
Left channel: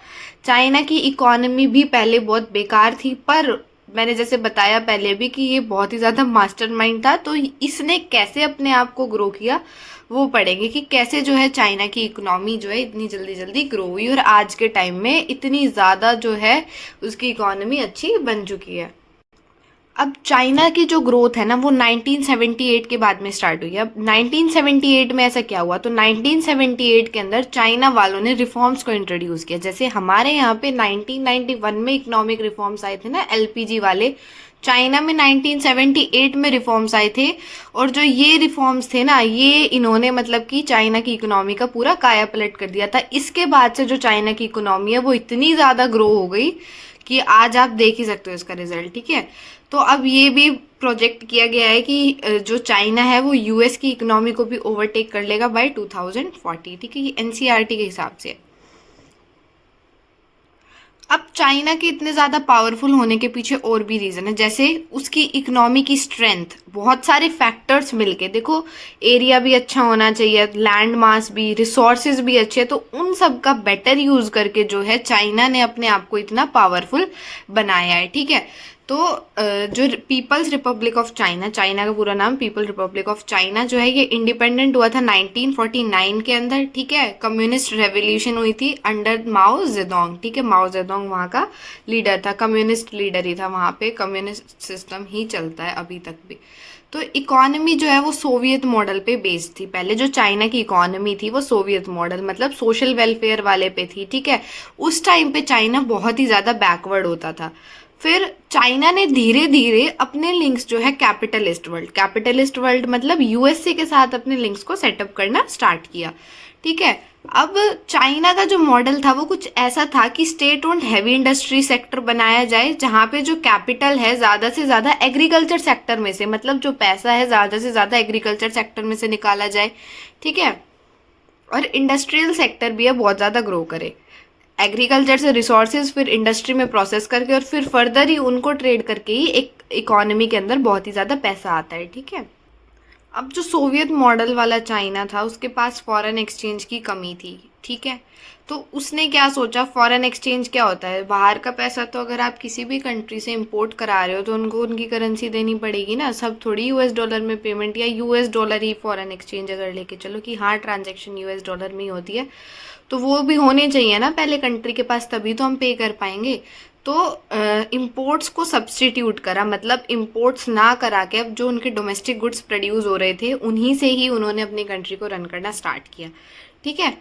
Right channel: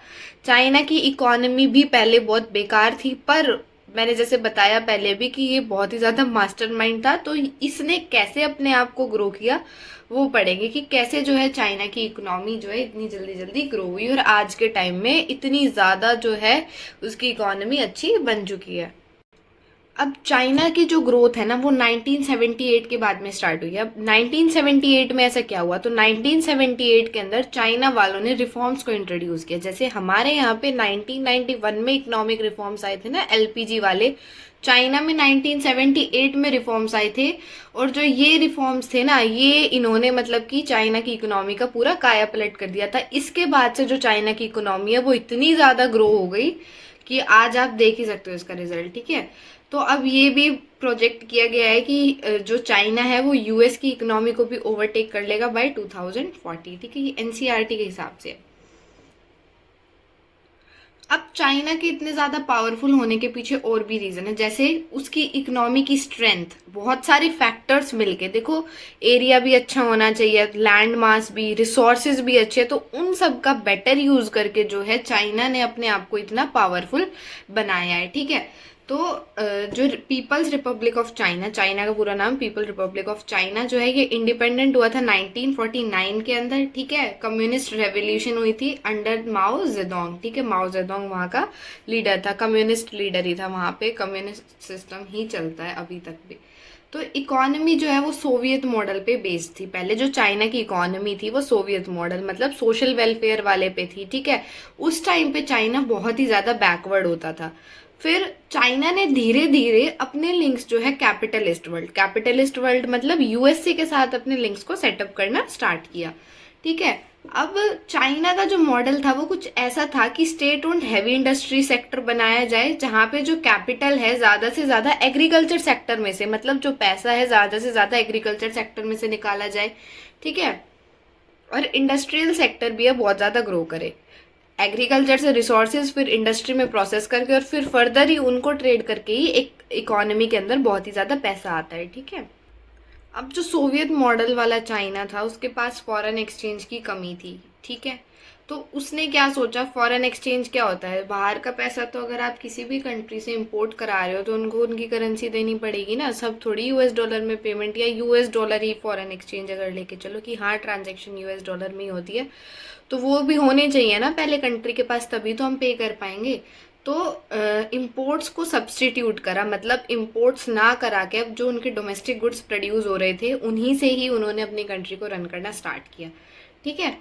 चाइना की इकोनॉमी भी पहले बहुत बेकार थी, पर मैंने जैसे बताया पहले भी कि ये बहुत ही ज़्यादा मास्टरमाइंड था। तो इसने कैसे अपने आप को ग्रो किया वो पढ़ेंगे कि कैसे जो है चाइना की इकोनॉमी जो है इतनी जल्दी जल्दी ग्रो हुई और आज के टाइम में इतनी ज़्यादा जो है उसकी इकोनॉमी अच्छी बन चुकी है। अब चाइना की जो ग्रोथ है ना वो 1978 के बाद में स्टार्ट हुई है। अब 1978 में ऐसा क्या हुआ, तो 1978 के अंदर चाइना वालों ने रिफॉर्म्स को इंट्रोड्यूस किया। जैसे हमारे यहाँ पे 1991 में इकोनॉमिक रिफॉर्म्स आए थे ना, एलपीजी वाले, चाइना में 1978 में रिफॉर्म्स आए थे, और जो ये रिफॉर्म्स थे ना, ये इन्होंने मतलब कि चाइना की इकोनॉमी का पूरा काया पलट कर दिया था। इसके बाद से जो चाइना की इकोनॉमी है वो इतनी ज़्यादा ग्रो हो गई कि आज आप देख ही सकते हो इसका रिजल्ट। ठीक है, तो अब ये भी प्रोजेक्ट किया गया है कि जो चाइना है वो यूएस की इकोनॉमी को भी ओवरटेक कर लेगा बाय 2040। ठीक है, ये एनसीईआरटी के हिसाब से। अब चाइना के इतने ज़्यादा पावरफुल होने के पीछे और भी रीज़न है, जैसे उसकी इकोनॉमी की स्ट्रेंथ, बहुत सारे फैक्टर्स मिलके। देखो, एरिया भी अच्छा होना चाहिए, लैंड मास भी, रिसोर्सेज भी अच्छे, तो उन सब का बेटर यूज़ करके जो है चाइना ने अपने आप को इतना पावरफुल बनाया है। ठीक है, तो जो People's Republic of China, China का पूरा नाम पीपल रिपब्लिक ऑफ चाइना जो है, ये इंडिपेंडेंट हुआ था 1949 के अंदर। ठीक है, कम्युनिस्ट रेवोल्यूशन हुई थी अंडर माओ जेडोंग। ठीक है, माओ जेडोंग वहाँ का लीडर था, कम्युनिस्ट लीडर ही था, वहाँ पे कम्युनिस्ट सिस्टम ही चलता है अभी तक भी। तो इकोनॉमी जो है वो सोवियत मॉडल पे बेस्ड थी। पहले जो चाइना की इकोनॉमी थी वो सोवियत मॉडल, मतलब सोशल वेलफेयर वाले पे थी। ठीक है, उस टाइम पे चाइना बहुत ही ज़्यादा बैकवर्ड होता था। फिर चाइना ने धीरे धीरे अपने लिंक्स जो है कैपिटलिस्ट वर्ल्ड मतलब यूएसए के साथ अपने लिंक्स को सेटअप करना स्टार्ट किया। ठीक है, अब चाइना का जो मॉडल था वो कुछ ऐसा था कि state owned heavy industry sector बनाया जाए, जहाँ पे जो कैपिटल है ज़्यादा से ज़्यादा एग्रीकल्चर सेक्टर में से, मतलब जो पैसा है ज़्यादा से ज़्यादा एग्रीकल्चर सेक्टर में से निकाला जाए। ठीक है, और इंडस्ट्रियल सेक्टर भी है बहुत ज़्यादा ग्रो करे, एग्रीकल्चर से रिसोर्सेज फिर इंडस्ट्री में प्रोसेस करके और फिर फर्दर ही उनको ट्रेड करके ही एक इकोनॉमी के अंदर बहुत ही ज़्यादा पैसा आता है। ठीक है, अब जो सोवियत मॉडल वाला चाइना था उसके पास फॉरेन एक्सचेंज की कमी थी। ठीक है, तो उसने क्या सोचा, फॉरेन एक्सचेंज क्या होता है, बाहर का पैसा तो अगर आप किसी भी कंट्री से इंपोर्ट करा रहे हो तो उनको उनकी करेंसी देनी पड़ेगी ना, सब थोड़ी यूएस डॉलर में पेमेंट, या यूएस डॉलर ही फॉरेन एक्सचेंज अगर लेके चलो कि हाँ ट्रांजेक्शन यूएस डॉलर में ही होती है, तो वो भी होने चाहिए ना पहले कंट्री के पास, तभी तो हम पे कर पाएंगे। तो इम्पोर्ट्स को सब्सटीट्यूट करा, मतलब इम्पोर्ट्स ना करा के अब जो उनके डोमेस्टिक गुड्स प्रोड्यूस हो रहे थे उन्हीं से ही उन्होंने अपनी कंट्री को रन करना स्टार्ट किया। ठीक है,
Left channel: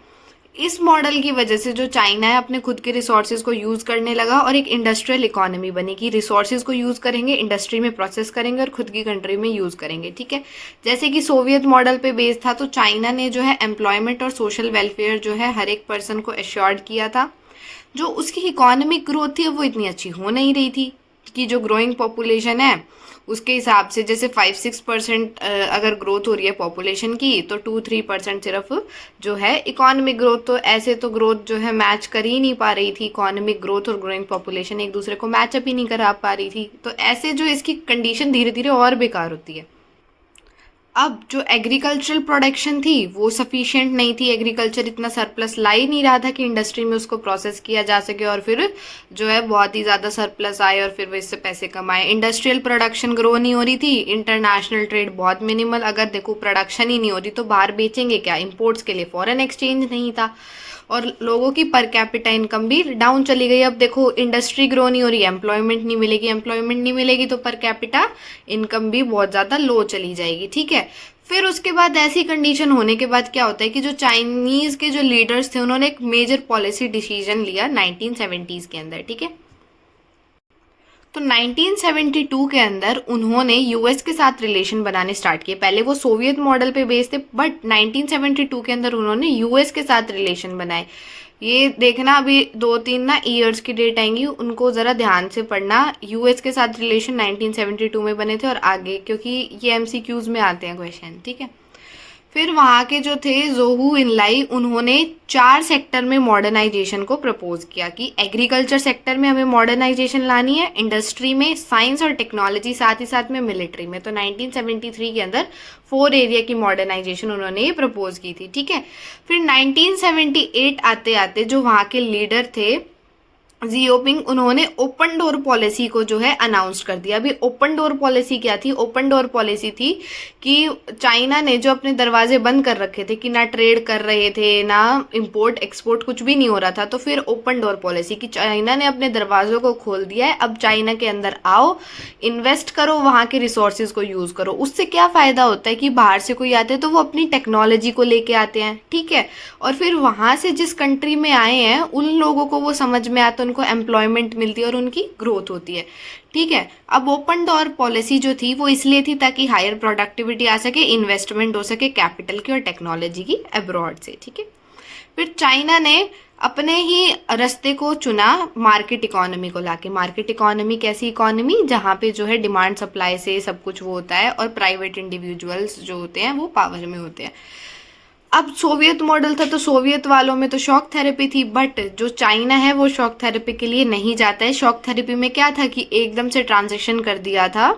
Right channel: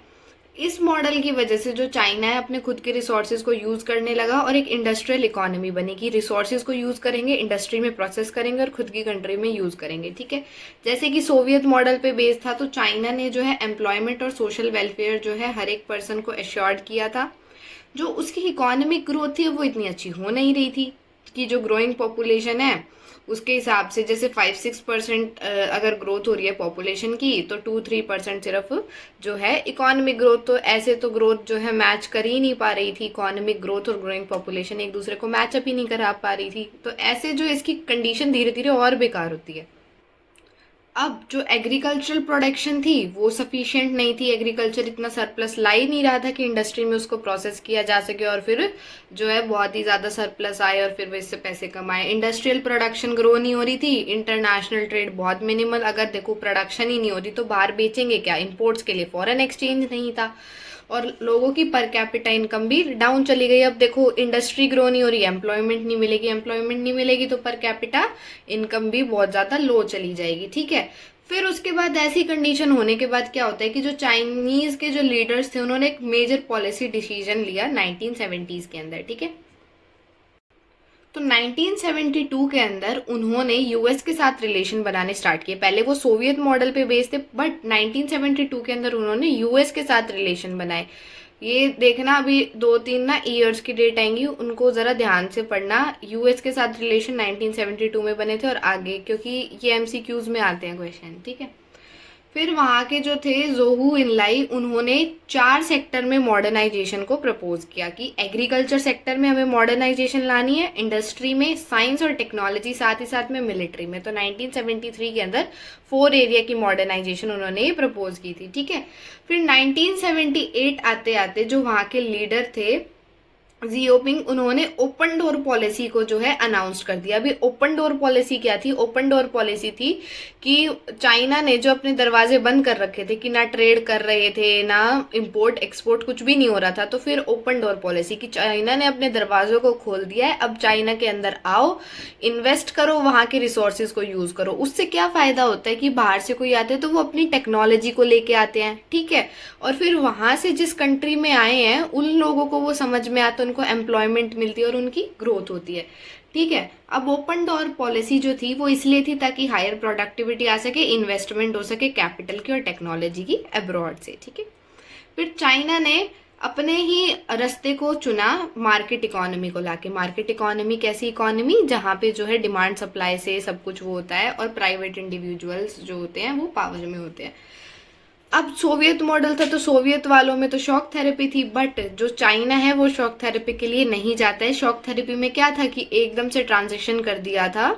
इस मॉडल की वजह से जो चाइना है अपने खुद के रिसोर्सेज को यूज़ करने लगा और एक इंडस्ट्रियल इकोनॉमी बनी कि रिसोर्सेज को यूज़ करेंगे, इंडस्ट्री में प्रोसेस करेंगे और खुद की कंट्री में यूज़ करेंगे। ठीक है, जैसे कि सोवियत मॉडल पे बेस्ड था, तो चाइना ने जो है एम्प्लॉयमेंट और सोशल वेलफेयर जो है हर एक पर्सन को एश्योर्ड किया था। जो उसकी इकोनॉमिक ग्रोथ थी वो इतनी अच्छी हो नहीं रही थी कि जो ग्रोइंग पॉपुलेशन है उसके हिसाब से, जैसे 5-6% अगर ग्रोथ हो रही है पॉपुलेशन की, तो 2-3% सिर्फ जो है इकोनॉमिक ग्रोथ, तो ऐसे तो ग्रोथ जो है मैच कर ही नहीं पा रही थी, इकोनॉमिक ग्रोथ और ग्रोइंग पॉपुलेशन एक दूसरे को मैचअप ही नहीं करा पा रही थी। तो ऐसे जो इसकी कंडीशन धीरे धीरे और बेकार होती है। अब जो एग्रीकल्चरल प्रोडक्शन थी वो सफिशिएंट नहीं थी, एग्रीकल्चर इतना सरप्लस ला ही नहीं रहा था कि इंडस्ट्री में उसको प्रोसेस किया जा सके और फिर जो है बहुत ही ज़्यादा सरप्लस आए और फिर वो इससे पैसे कमाए। इंडस्ट्रियल प्रोडक्शन ग्रो नहीं हो रही थी, इंटरनेशनल ट्रेड बहुत मिनिमल, अगर देखो प्रोडक्शन ही नहीं हो रही तो बाहर बेचेंगे क्या, इम्पोर्ट्स के लिए फॉरेन एक्सचेंज नहीं था, और लोगों की पर कैपिटा इनकम भी डाउन चली गई। अब देखो इंडस्ट्री ग्रो नहीं हो रही, एम्प्लॉयमेंट नहीं मिलेगी तो पर कैपिटा इनकम भी बहुत ज़्यादा लो चली जाएगी। ठीक है, फिर उसके बाद ऐसी कंडीशन होने के बाद क्या होता है कि जो चाइनीज़ के जो लीडर्स थे उन्होंने एक मेजर पॉलिसी डिसीजन लिया 1970s के अंदर। ठीक है, तो 1972 के अंदर उन्होंने यूएस के साथ रिलेशन बनाने स्टार्ट किए। पहले वो सोवियत मॉडल पे बेस्ड थे, बट 1972 के अंदर उन्होंने यूएस के साथ रिलेशन बनाए। ये देखना, अभी 2-3 ना ईयर्स की डेट आएंगी, उनको ज़रा ध्यान से पढ़ना। यूएस के साथ रिलेशन 1972 में बने थे और आगे, क्योंकि ये एमसीक्यूज में आते हैं क्वेश्चन। ठीक है, फिर वहाँ के जो थे जोहू इनलाई, उन्होंने 4 सेक्टर में मॉडर्नाइजेशन को प्रपोज किया कि एग्रीकल्चर सेक्टर में हमें मॉडर्नाइजेशन लानी है, इंडस्ट्री में, साइंस और टेक्नोलॉजी, साथ ही साथ में मिलिट्री में। तो 1973 के अंदर 4 एरिया की मॉडर्नाइजेशन उन्होंने ये प्रपोज की थी। ठीक है, फिर 1978 आते आते जो वहाँ के लीडर थे जियोपिंग, उन्होंने ओपन डोर पॉलिसी को जो है अनाउंस कर दिया। अभी ओपन डोर पॉलिसी क्या थी, ओपन डोर पॉलिसी थी कि चाइना ने जो अपने दरवाजे बंद कर रखे थे कि ना ट्रेड कर रहे थे, ना इंपोर्ट एक्सपोर्ट, कुछ भी नहीं हो रहा था, तो फिर ओपन डोर पॉलिसी कि चाइना ने अपने दरवाजों को खोल दिया है, अब चाइना के अंदर आओ, इन्वेस्ट करो, वहाँ के रिसोर्सेज को यूज़ करो। उससे क्या फ़ायदा होता है कि बाहर से कोई आते हैं तो वो अपनी टेक्नोलॉजी को लेके आते हैं। ठीक है, और फिर वहाँ से जिस कंट्री में आए हैं उन लोगों को वो समझ में आ तो उनको एम्प्लॉयमेंट मिलती है और उनकी ग्रोथ होती है। ठीक है, अब ओपन डोर पॉलिसी जो थी वो इसलिए थी ताकि हायर प्रोडक्टिविटी आ सके, इन्वेस्टमेंट हो सके कैपिटल की और टेक्नोलॉजी की अब्रॉड से। ठीक है, फिर चाइना ने अपने ही रास्ते को चुना मार्केट इकोनॉमी को लाके। मार्केट इकोनॉमी कैसी इकोनॉमी, जहाँ पे जो है डिमांड सप्लाई से सब कुछ वो होता है और प्राइवेट इंडिविजुअल्स जो होते हैं वो पावर में होते हैं। अब सोवियत मॉडल था तो सोवियत वालों में तो शॉक थेरेपी थी, बट जो चाइना है वो शॉक थेरेपी के लिए नहीं जाता है। शॉक थेरेपी में क्या था कि एकदम से ट्रांजिशन कर दिया था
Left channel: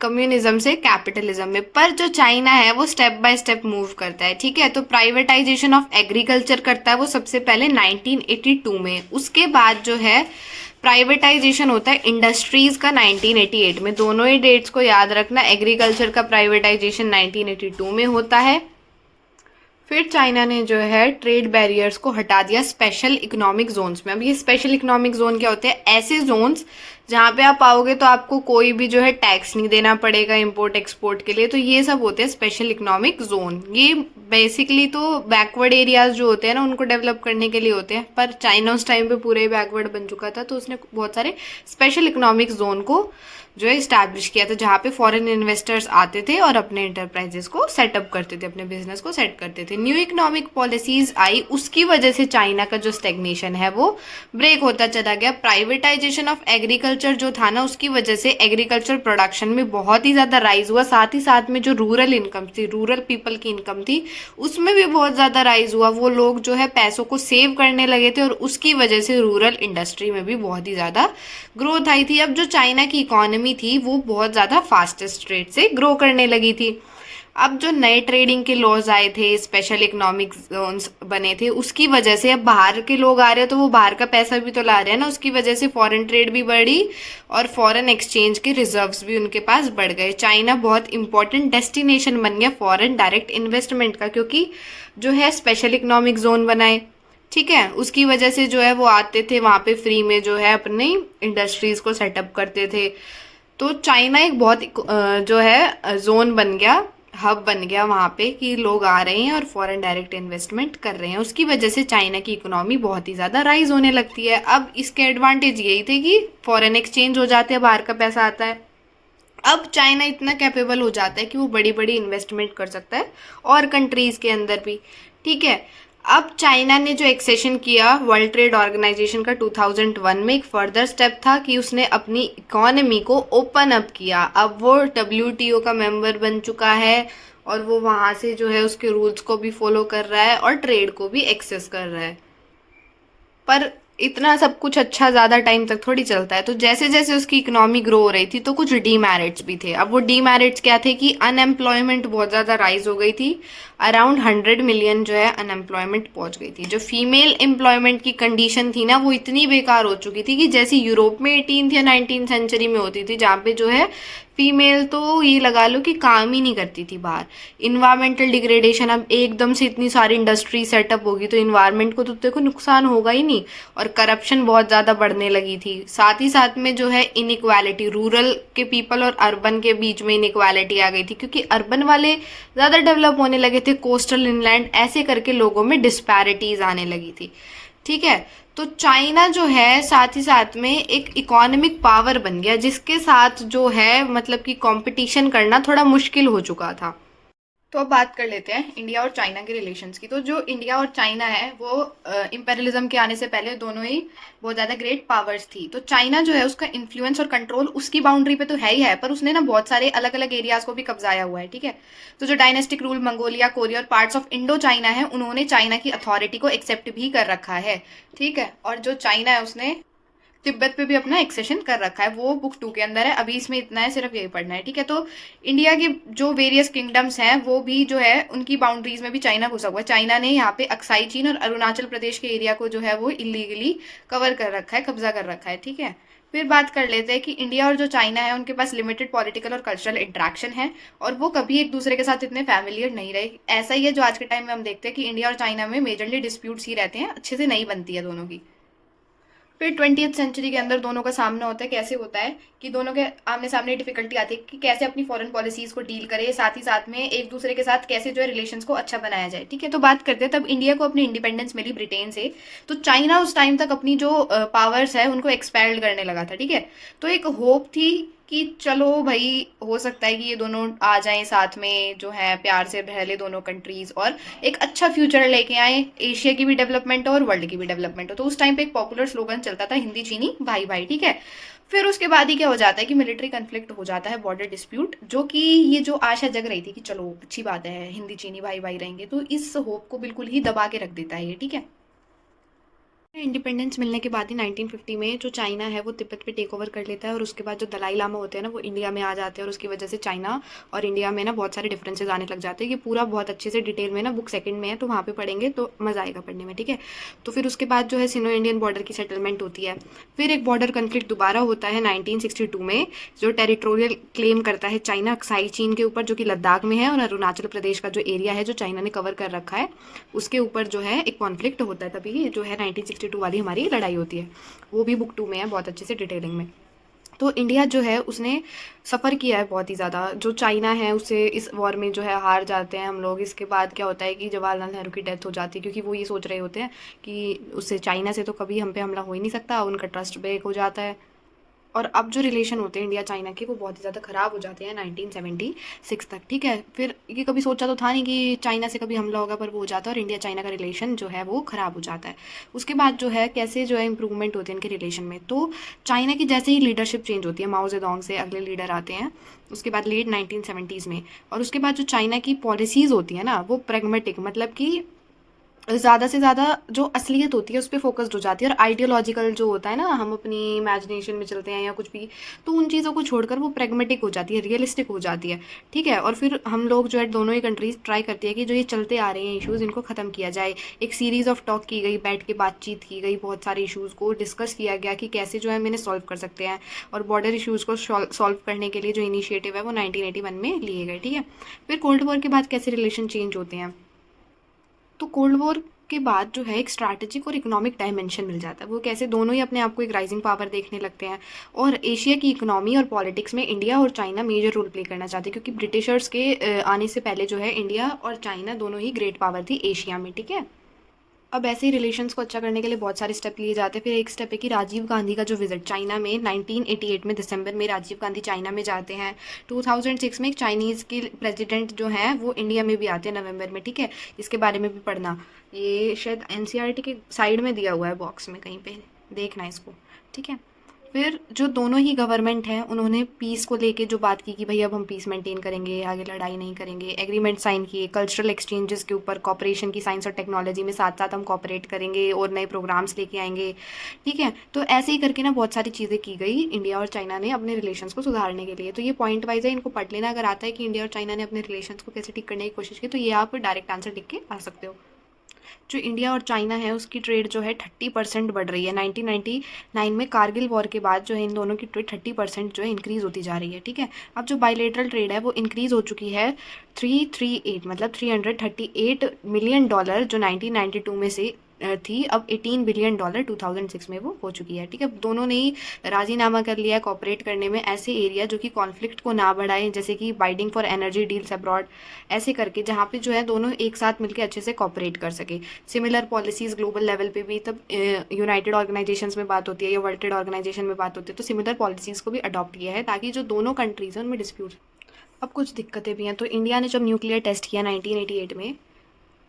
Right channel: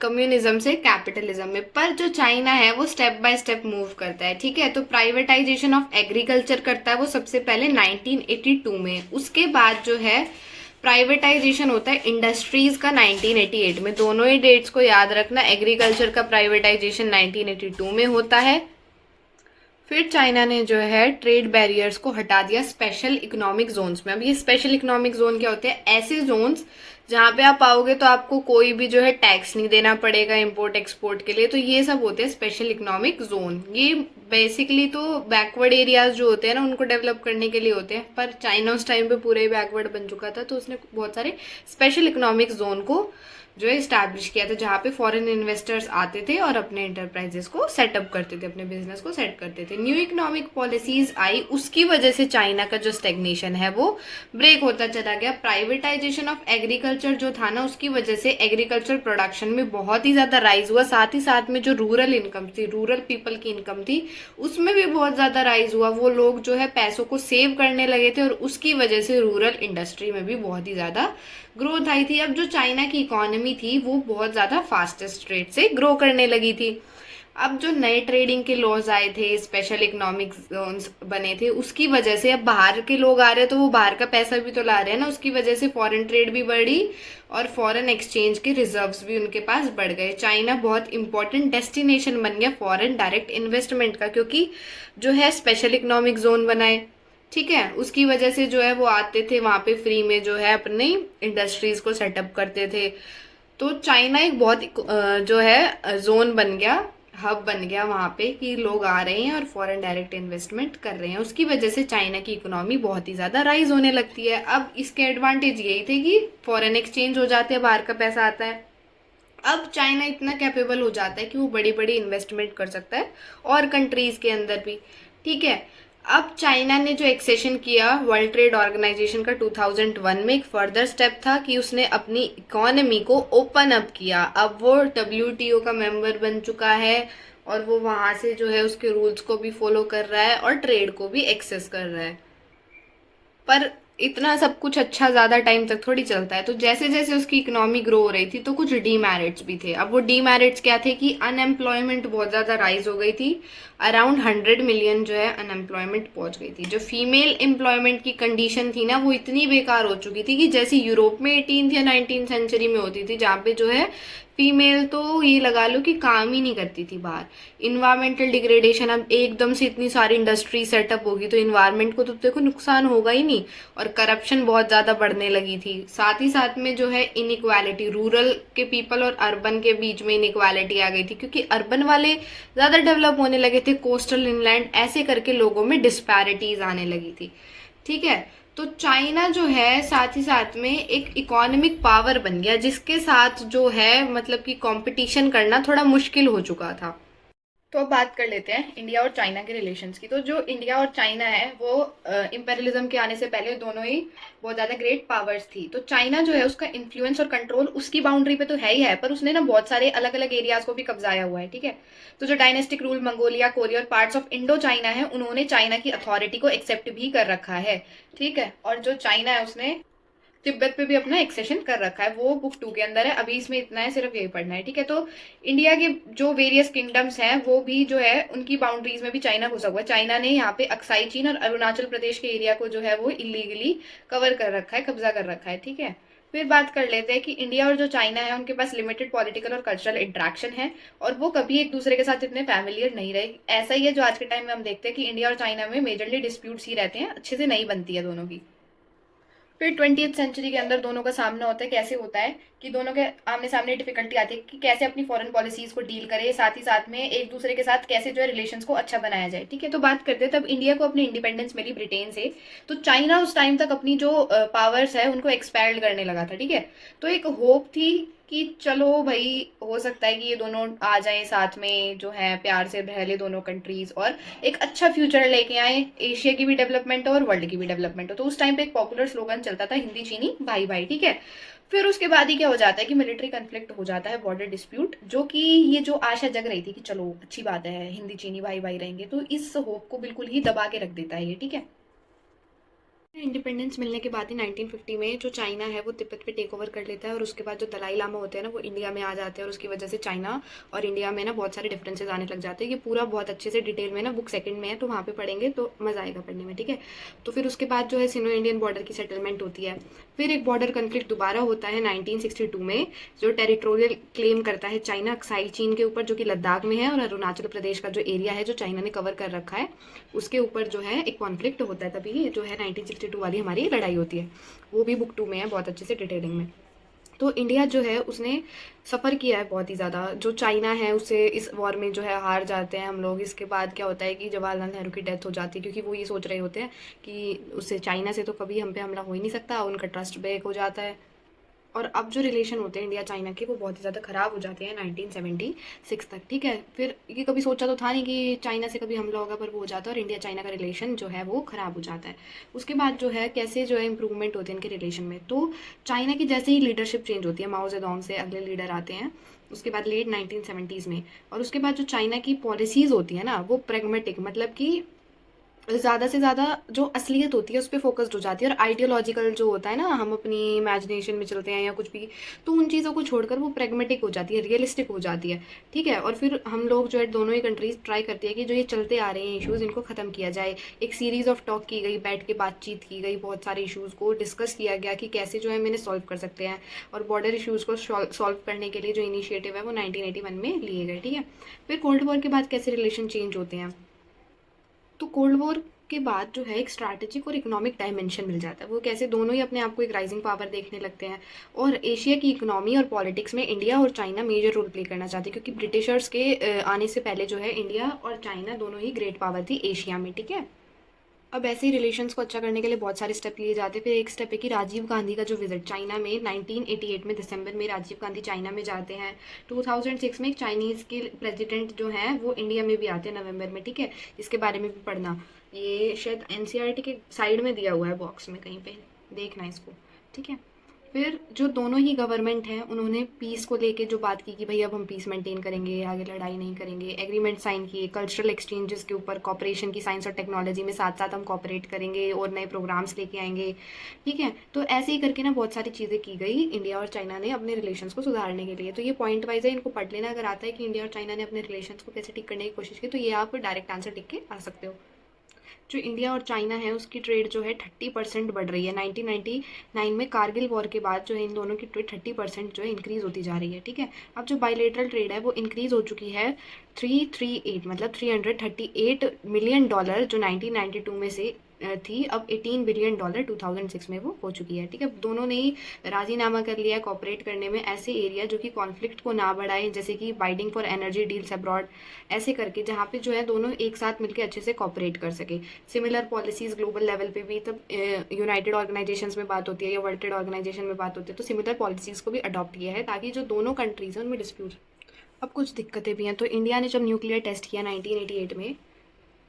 कम्युनिज्म से कैपिटलिज्म में, पर जो चाइना है वो स्टेप बाय स्टेप मूव करता है। ठीक है, तो प्राइवेटाइजेशन ऑफ एग्रीकल्चर करता है वो सबसे पहले 1982 में। उसके बाद जो है प्राइवेटाइजेशन होता है इंडस्ट्रीज का 1988 में। दोनों ही डेट्स को याद रखना, एग्रीकल्चर का प्राइवेटाइजेशन 1982 में होता है। फिर चाइना ने जो है ट्रेड बैरियर्स को हटा दिया स्पेशल इकोनॉमिक जोन्स में। अब ये स्पेशल इकोनॉमिक जोन क्या होते हैं, ऐसे जोन्स जहाँ पे आप आओगे तो आपको कोई भी जो है टैक्स नहीं देना पड़ेगा इंपोर्ट एक्सपोर्ट के लिए, तो ये सब होते हैं स्पेशल इकोनॉमिक जोन। ये बेसिकली तो बैकवर्ड एरियाज जो होते हैं ना उनको डेवलप करने के लिए होते हैं, पर चाइना उस टाइम पे पूरे बैकवर्ड बन चुका था तो उसने बहुत सारे स्पेशल इकोनॉमिक जोन को जो है इस्टेब्लिश किया था, जहाँ पे फॉरेन इन्वेस्टर्स आते थे और अपने इंटरप्राइजेस को सेटअप करते थे, अपने बिजनेस को सेट करते थे। न्यू इकोनॉमिक पॉलिसीज आई, उसकी वजह से चाइना का जो स्टेग्नेशन है वो ब्रेक होता चला गया। प्राइवेटाइजेशन ऑफ एग्रीकल्चर जो था ना, उसकी वजह से एग्रीकल्चर प्रोडक्शन में बहुत ही ज़्यादा राइज हुआ। साथ ही साथ में जो रूरल इनकम थी, रूरल पीपल की इनकम थी, उसमें भी बहुत ज़्यादा राइज हुआ। वो लोग जो है पैसों को सेव करने लगे थे और उसकी वजह से रूरल इंडस्ट्री में भी बहुत ही ज़्यादा ग्रोथ आई थी। अब जो चाइना की इकोनॉमी थी वो बहुत ज़्यादा फास्टेस्ट रेट से ग्रो करने लगी थी। अब जो नए ट्रेडिंग के लॉज आए थे, स्पेशल इकोनॉमिक जोन्स बने थे, उसकी वजह से अब बाहर के लोग आ रहे हैं तो वो बाहर का पैसा भी तो ला रहे हैं ना, उसकी वजह से फॉरेन ट्रेड भी बढ़ी और फॉरेन एक्सचेंज के रिजर्व्स भी उनके पास बढ़ गए। चाइना बहुत इंपॉर्टेंट डेस्टिनेशन बन गया फॉरेन डायरेक्ट इन्वेस्टमेंट का, क्योंकि जो है स्पेशल इकोनॉमिक जोन बनाए। ठीक है, उसकी वजह से जो है वो आते थे वहाँ पे फ्री में जो है अपनी इंडस्ट्रीज को सेटअप करते थे। तो चाइना एक बहुत जो है जोन बन गया, हब बन गया वहाँ पे कि लोग आ रहे हैं और फॉरेन डायरेक्ट इन्वेस्टमेंट कर रहे हैं। उसकी वजह से चाइना की इकोनॉमी बहुत ही ज़्यादा राइज होने लगती है। अब इसके एडवांटेज यही थे कि फॉरेन एक्सचेंज हो जाते हैं, बाहर का पैसा आता है। अब चाइना इतना कैपेबल हो जाता है कि वो बड़ी बड़ी इन्वेस्टमेंट कर सकता है और कंट्रीज़ के अंदर भी। ठीक है, अब चाइना ने जो एक्सेशन किया वर्ल्ड ट्रेड ऑर्गेनाइजेशन का 2001 में, एक फर्दर स्टेप था कि उसने अपनी इकोनॉमी को ओपन अप किया। अब वो WTO का मेंबर बन चुका है और वो वहाँ से जो है उसके रूल्स को भी फॉलो कर रहा है और ट्रेड को भी एक्सेस कर रहा है। पर इतना सब कुछ अच्छा ज़्यादा टाइम तक थोड़ी चलता है। तो जैसे जैसे उसकी इकोनॉमी ग्रो हो रही थी तो कुछ डीमेरिट्स भी थे। अब वो डीमेरिट्स क्या थे कि अनएम्प्लॉयमेंट बहुत ज़्यादा राइज हो गई थी, अराउंड 100 मिलियन जो है अनएम्प्लॉयमेंट पहुंच गई थी। जो फीमेल एम्प्लॉयमेंट की कंडीशन थी ना वो इतनी बेकार हो चुकी थी कि जैसी यूरोप में 18th या 19th सेंचुरी में होती थी, जहाँ पे जो है फीमेल तो ये लगा लो कि काम ही नहीं करती थी बाहर। इन्वायरमेंटल डिग्रेडेशन, अब एकदम से इतनी सारी इंडस्ट्री सेटअप होगी तो इन्वायरमेंट को तो देखो नुकसान होगा ही नहीं, और करप्शन बहुत ज़्यादा बढ़ने लगी थी। साथ ही साथ में जो है इनइक्वालिटी, रूरल के पीपल और अर्बन के बीच में इनइक्वालिटी आ गई थी, क्योंकि अर्बन वाले ज़्यादा डेवलप होने लगे थे, कोस्टल इनलैंड, ऐसे करके लोगों में डिस्पैरिटीज आने लगी थी। ठीक है, तो चाइना जो है साथ ही साथ में एक इकोनॉमिक पावर बन गया, जिसके साथ जो है मतलब कि कंपटीशन करना थोड़ा मुश्किल हो चुका था। तो अब बात कर लेते हैं इंडिया और चाइना के रिलेशंस की। तो जो इंडिया और चाइना है वो इंपेरियलिज्म के आने से पहले दोनों ही बहुत ज़्यादा ग्रेट पावर्स थी। तो चाइना जो है उसका इन्फ्लुएंस और कंट्रोल उसकी बाउंड्री पे तो है ही है, पर उसने ना बहुत सारे अलग अलग एरियाज को भी कब्जाया हुआ है। ठीक है, तो जो डायनेस्टिक रूल मंगोलिया, कोरिया और पार्ट्स ऑफ इंडो चाइना है, उन्होंने चाइना की अथॉरिटी को एक्सेप्ट भी कर रखा है। ठीक है, और जो चाइना है उसने तिब्बत पे भी अपना एक्सेशन कर रखा है, वो बुक 2 के अंदर है। अभी इसमें इतना है, सिर्फ यही पढ़ना है। ठीक है, तो इंडिया के जो वेरियस किंगडम्स हैं वो भी जो है उनकी बाउंड्रीज में भी चाइना घुसा हुआ है। चाइना ने यहाँ पे अक्साई चीन और अरुणाचल प्रदेश के एरिया को जो है वो इलीगली कवर कर रखा है, कब्जा कर रखा है। ठीक है, फिर बात कर लेते हैं कि इंडिया और जो चाइना है उनके पास लिमिटेड पॉलिटिकल और कल्चरल इंट्रैक्शन है और वो कभी एक दूसरे के साथ इतने फैमिलियर नहीं रहे। ऐसा ही है जो आज के टाइम में हम देखते हैं कि इंडिया और चाइना में मेजरली डिस्प्यूट्स ही रहते हैं, अच्छे से नहीं बनती है दोनों की। फिर 20th सेंचुरी के अंदर दोनों का सामना होता है। कैसे होता है कि दोनों के आमने सामने डिफिकल्टी आती है कि कैसे अपनी फॉरेन पॉलिसीज को डील करे, साथ ही साथ में एक दूसरे के साथ कैसे जो है रिलेशंस को अच्छा बनाया जाए। ठीक है, तो बात करते हैं तब इंडिया को अपनी इंडिपेंडेंस मिली ब्रिटेन से, तो चाइना उस टाइम तक अपनी जो पावर्स है उनको एक्सपैंड करने लगा था। ठीक है, तो एक होप थी कि चलो भाई हो सकता है कि ये दोनों आ जाएं साथ में, जो है प्यार से रह ले दोनों कंट्रीज, और एक अच्छा फ्यूचर लेके आए, एशिया की भी डेवलपमेंट हो और वर्ल्ड की भी डेवलपमेंट हो। तो उस टाइम पे एक पॉपुलर स्लोगन चलता था, हिंदी चीनी भाई भाई। ठीक है, फिर उसके बाद ही क्या हो जाता है कि मिलिट्री कन्फ्लिक्ट हो जाता है, बॉर्डर डिस्प्यूट, जो कि ये जो आशा जग रही थी कि चलो अच्छी बात है हिंदी चीनी भाई भाई रहेंगे, तो इस होप को बिल्कुल ही दबा के रख देता है ये। ठीक है, इंडिपेंडेंस मिलने के बाद ही 1950 में जो चाइना है वो तिब्बत पे टेक ओवर कर लेता है, और उसके बाद जो दलाई लामा होते हैं ना वो इंडिया में आ जाते हैं, और उसकी वजह से चाइना और इंडिया में ना बहुत सारे डिफरेंसेस आने लग जाते हैं। ये पूरा बहुत अच्छे से डिटेल में ना बुक सेकंड में है, तो वहाँ पे पढ़ेंगे तो मज़ा आएगा पढ़ने में। ठीक है, तो फिर उसके बाद जो है सिनो इंडियन बॉर्डर की सेटलमेंट होती है। फिर एक बॉर्डर कन्फ्लिक्ट दोबारा होता है 1962 में, जो टेरिटोरियल क्लेम करता है चाइना अक्साई चीन के ऊपर, जो कि लद्दाख में है, और अरुणाचल प्रदेश का जो एरिया है जो चाइना ने कवर कर रखा है उसके ऊपर जो है एक कॉन्फ्लिक्ट होता है। तभी जो है 1962 वाली हमारी लड़ाई होती है, वो भी बुक 2 में है बहुत अच्छे से डिटेलिंग में। तो इंडिया जो है उसने सफ़र किया है बहुत ही ज़्यादा, जो चाइना है उससे इस वॉर में जो है हार जाते हैं हम लोग। इसके बाद क्या होता है कि जवाहरलाल नेहरू की डेथ हो जाती है, क्योंकि वो ये सोच रहे होते हैं कि उससे चाइना से तो कभी हम पे हमला हो ही नहीं सकता, उनका ट्रस्ट ब्रेक हो जाता है। और अब जो रिलेशन होते हैं इंडिया चाइना के वो बहुत ही ज़्यादा ख़राब हो जाते हैं 1976 तक। ठीक है, फिर ये कभी सोचा तो था नहीं कि चाइना से कभी हमला होगा, पर वो हो जाता है और इंडिया चाइना का रिलेशन जो है वो ख़राब हो जाता है। उसके बाद जो है कैसे जो है इंप्रूवमेंट होते हैं इनके रिलेशन में, तो चाइना की जैसे ही लीडरशिप चेंज होती है, माओ जेडोंग से अगले लीडर आते हैं उसके बाद लेट 1970s में, और उसके बाद जो चाइना की पॉलिसीज़ होती है ना वो प्रेगमेटिक, मतलब कि ज़्यादा से ज़्यादा जो असलियत होती है उस पर फोकस्ड हो जाती है, और आइडियोलॉजिकल जो होता है ना हम अपनी इमेजिनेशन में चलते हैं या कुछ भी, तो उन चीज़ों को छोड़कर वो प्रेगमेटिक हो जाती है, रियलिस्टिक हो जाती है। ठीक है, और फिर हम लोग जो है दोनों ही कंट्रीज ट्राई करती है कि जो ये चलते आ रहे हैं इश्यूज़ इनको ख़त्म किया जाए। एक सीरीज़ ऑफ टॉक की गई, बैठ के बातचीत की गई, बहुत सारे इशूज़ को डिस्कस किया गया कि कैसे जो है मैंने सॉल्व कर सकते हैं, और बॉर्डर इशूज़ को सॉल्व करने के लिए जो इनिशिएटिव है वो 1981 में लिए गए। ठीक है, फिर कोल्ड वॉर के बाद कैसे रिलेशन चेंज होते हैं, तो कोल्ड वॉर के बाद जो है एक स्ट्रैटेजिक और इकोनॉमिक डायमेंशन मिल जाता है। वो कैसे दोनों ही अपने आप को एक राइजिंग पावर देखने लगते हैं, और एशिया की इकोनॉमी और पॉलिटिक्स में इंडिया और चाइना मेजर रोल प्ले करना चाहते हैं, क्योंकि ब्रिटिशर्स के आने से पहले जो है इंडिया और चाइना दोनों ही ग्रेट पावर थी एशिया में। ठीक है, अब ऐसे ही रिलेशंस को अच्छा करने के लिए बहुत सारे स्टेप लिए जाते हैं। फिर एक स्टेप है कि राजीव गांधी का जो विजिट चाइना में 1988 में दिसंबर में राजीव गांधी चाइना में जाते हैं। 2006 में एक चाइनीज़ के प्रेसिडेंट जो हैं वो इंडिया में भी आते हैं नवंबर में। ठीक है, इसके बारे में भी पढ़ना, ये शायद एनसीईआरटी के साइड में दिया हुआ है बॉक्स में कहीं पे, देखना इसको। ठीक है, फिर जो दोनों ही गवर्नमेंट हैं उन्होंने पीस को लेके जो बात की कि भाई अब हम पीस मेंटेन करेंगे, आगे लड़ाई नहीं करेंगे, एग्रीमेंट साइन किए कल्चरल एक्सचेंजेस के ऊपर, कॉपरेशन की साइंस और टेक्नोलॉजी में साथ साथ हम कॉपरेट करेंगे और नए प्रोग्राम्स लेके आएंगे। ठीक है, तो ऐसे ही करके ना बहुत सारी चीज़ें की गई इंडिया और चाइना ने अपने रिलेशंस को सुधारने के लिए। तो ये पॉइंट वाइज है, इनको पढ़ लेना। अगर आता है कि इंडिया और चाइना ने अपने रिलेशंस को कैसे ठीक करने की कोशिश की, तो ये आप डायरेक्ट आंसर लिख के आ सकते हो। जो इंडिया और चाइना है उसकी ट्रेड जो है 30% बढ़ रही है। 1999 में कारगिल वॉर के बाद जो है इन दोनों की ट्रेड 30% जो है इंक्रीज़ होती जा रही है। ठीक है, अब जो बायलेटरल ट्रेड है वो इंक्रीज़ हो चुकी है 338 मतलब $338 मिलियन, जो 1992 में से थी, अब $18 बिलियन 2006 में वो हो चुकी है। ठीक है, दोनों ने ही राजीनामा कर लिया है कॉपरेट करने में ऐसे एरिया जो कि कॉन्फ्लिक्ट को ना बढ़ाए, जैसे कि biding for energy deals abroad, ऐसे करके जहाँ पे जो है दोनों एक साथ मिलकर अच्छे से कॉपरेट कर सके। सिमिलर पॉलिसीज़ ग्लोबल लेवल पे भी, तब यूनाइटेड ऑर्गेनाइजेशंस में बात होती है या वर्ल्ड ट्रेड ऑर्गेनाइजेशन में बात होती है, तो सिमिलर पॉलिसीज़ को भी अडॉप्ट किया है ताकि जो दोनों कंट्रीज हैं उनमें डिस्प्यूट। अब कुछ दिक्कतें भी हैं, तो इंडिया ने जब न्यूक्लियर टेस्ट किया 1988 में,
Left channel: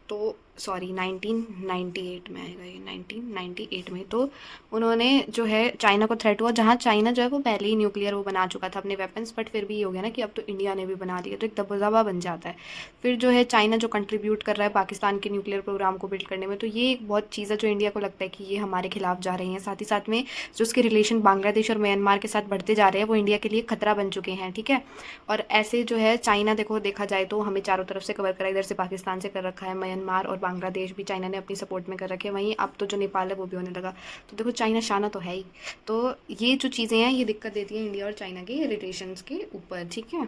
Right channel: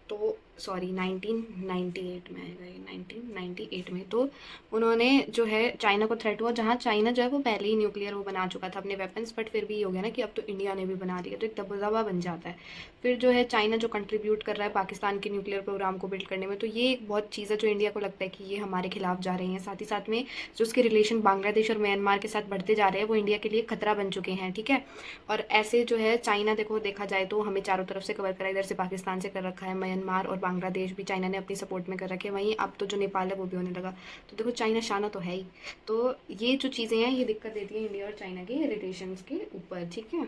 तो सॉरी 1998 में आएगा ये, 1998 में, तो उन्होंने जो है चाइना को थ्रेट हुआ, जहाँ चाइना जो है वो पहले ही न्यूक्लियर वो बना चुका था अपने वेपन्स, बट फिर भी ये हो गया ना कि अब तो इंडिया ने भी बना दिया, तो एक दबदबा बन जाता है। फिर जो है चाइना जो कंट्रीब्यूट कर रहा है पाकिस्तान के न्यूक्लियर प्रोग्राम को बिल्ड करने में, तो ये एक बहुत चीज़ है जो इंडिया को लगता है कि ये हमारे खिलाफ जा रही हैं। साथ ही साथ में जो उसके रिलेशन बांग्लादेश और म्यांमार के साथ बढ़ते जा रहे हैं वो इंडिया के लिए खतरा बन चुके हैं। ठीक है, और ऐसे जो है चाइना देखा जाए तो हमें चारों तरफ से कवर करा, इधर से पाकिस्तान से कर रखा है, म्यांमार और बांग्लादेश भी चाइना ने अपनी सपोर्ट में कर रखे हैं, वहीं अब तो जो नेपाल है वो भी होने लगा। तो देखो चाइना शाना तो है ही। तो ये जो चीज़ें हैं ये दिक्कत देती है इंडिया और चाइना के रिलेशंस के ऊपर। ठीक है,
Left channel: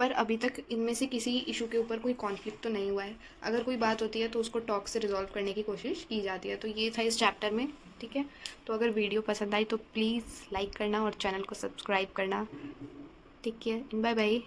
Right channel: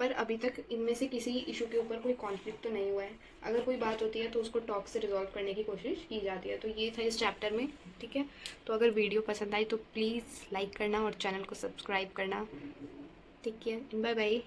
पर अभी तक इनमें से किसी इशू के ऊपर कोई कॉन्फ्लिक्ट तो नहीं हुआ है। अगर कोई बात होती है तो उसको टॉक से रिजॉल्व करने की कोशिश की जाती है। तो ये था इस चैप्टर में, ठीक है। तो अगर वीडियो पसंद आई तो प्लीज़ लाइक करना और चैनल को सब्सक्राइब करना। ठीक है, बाय बाय।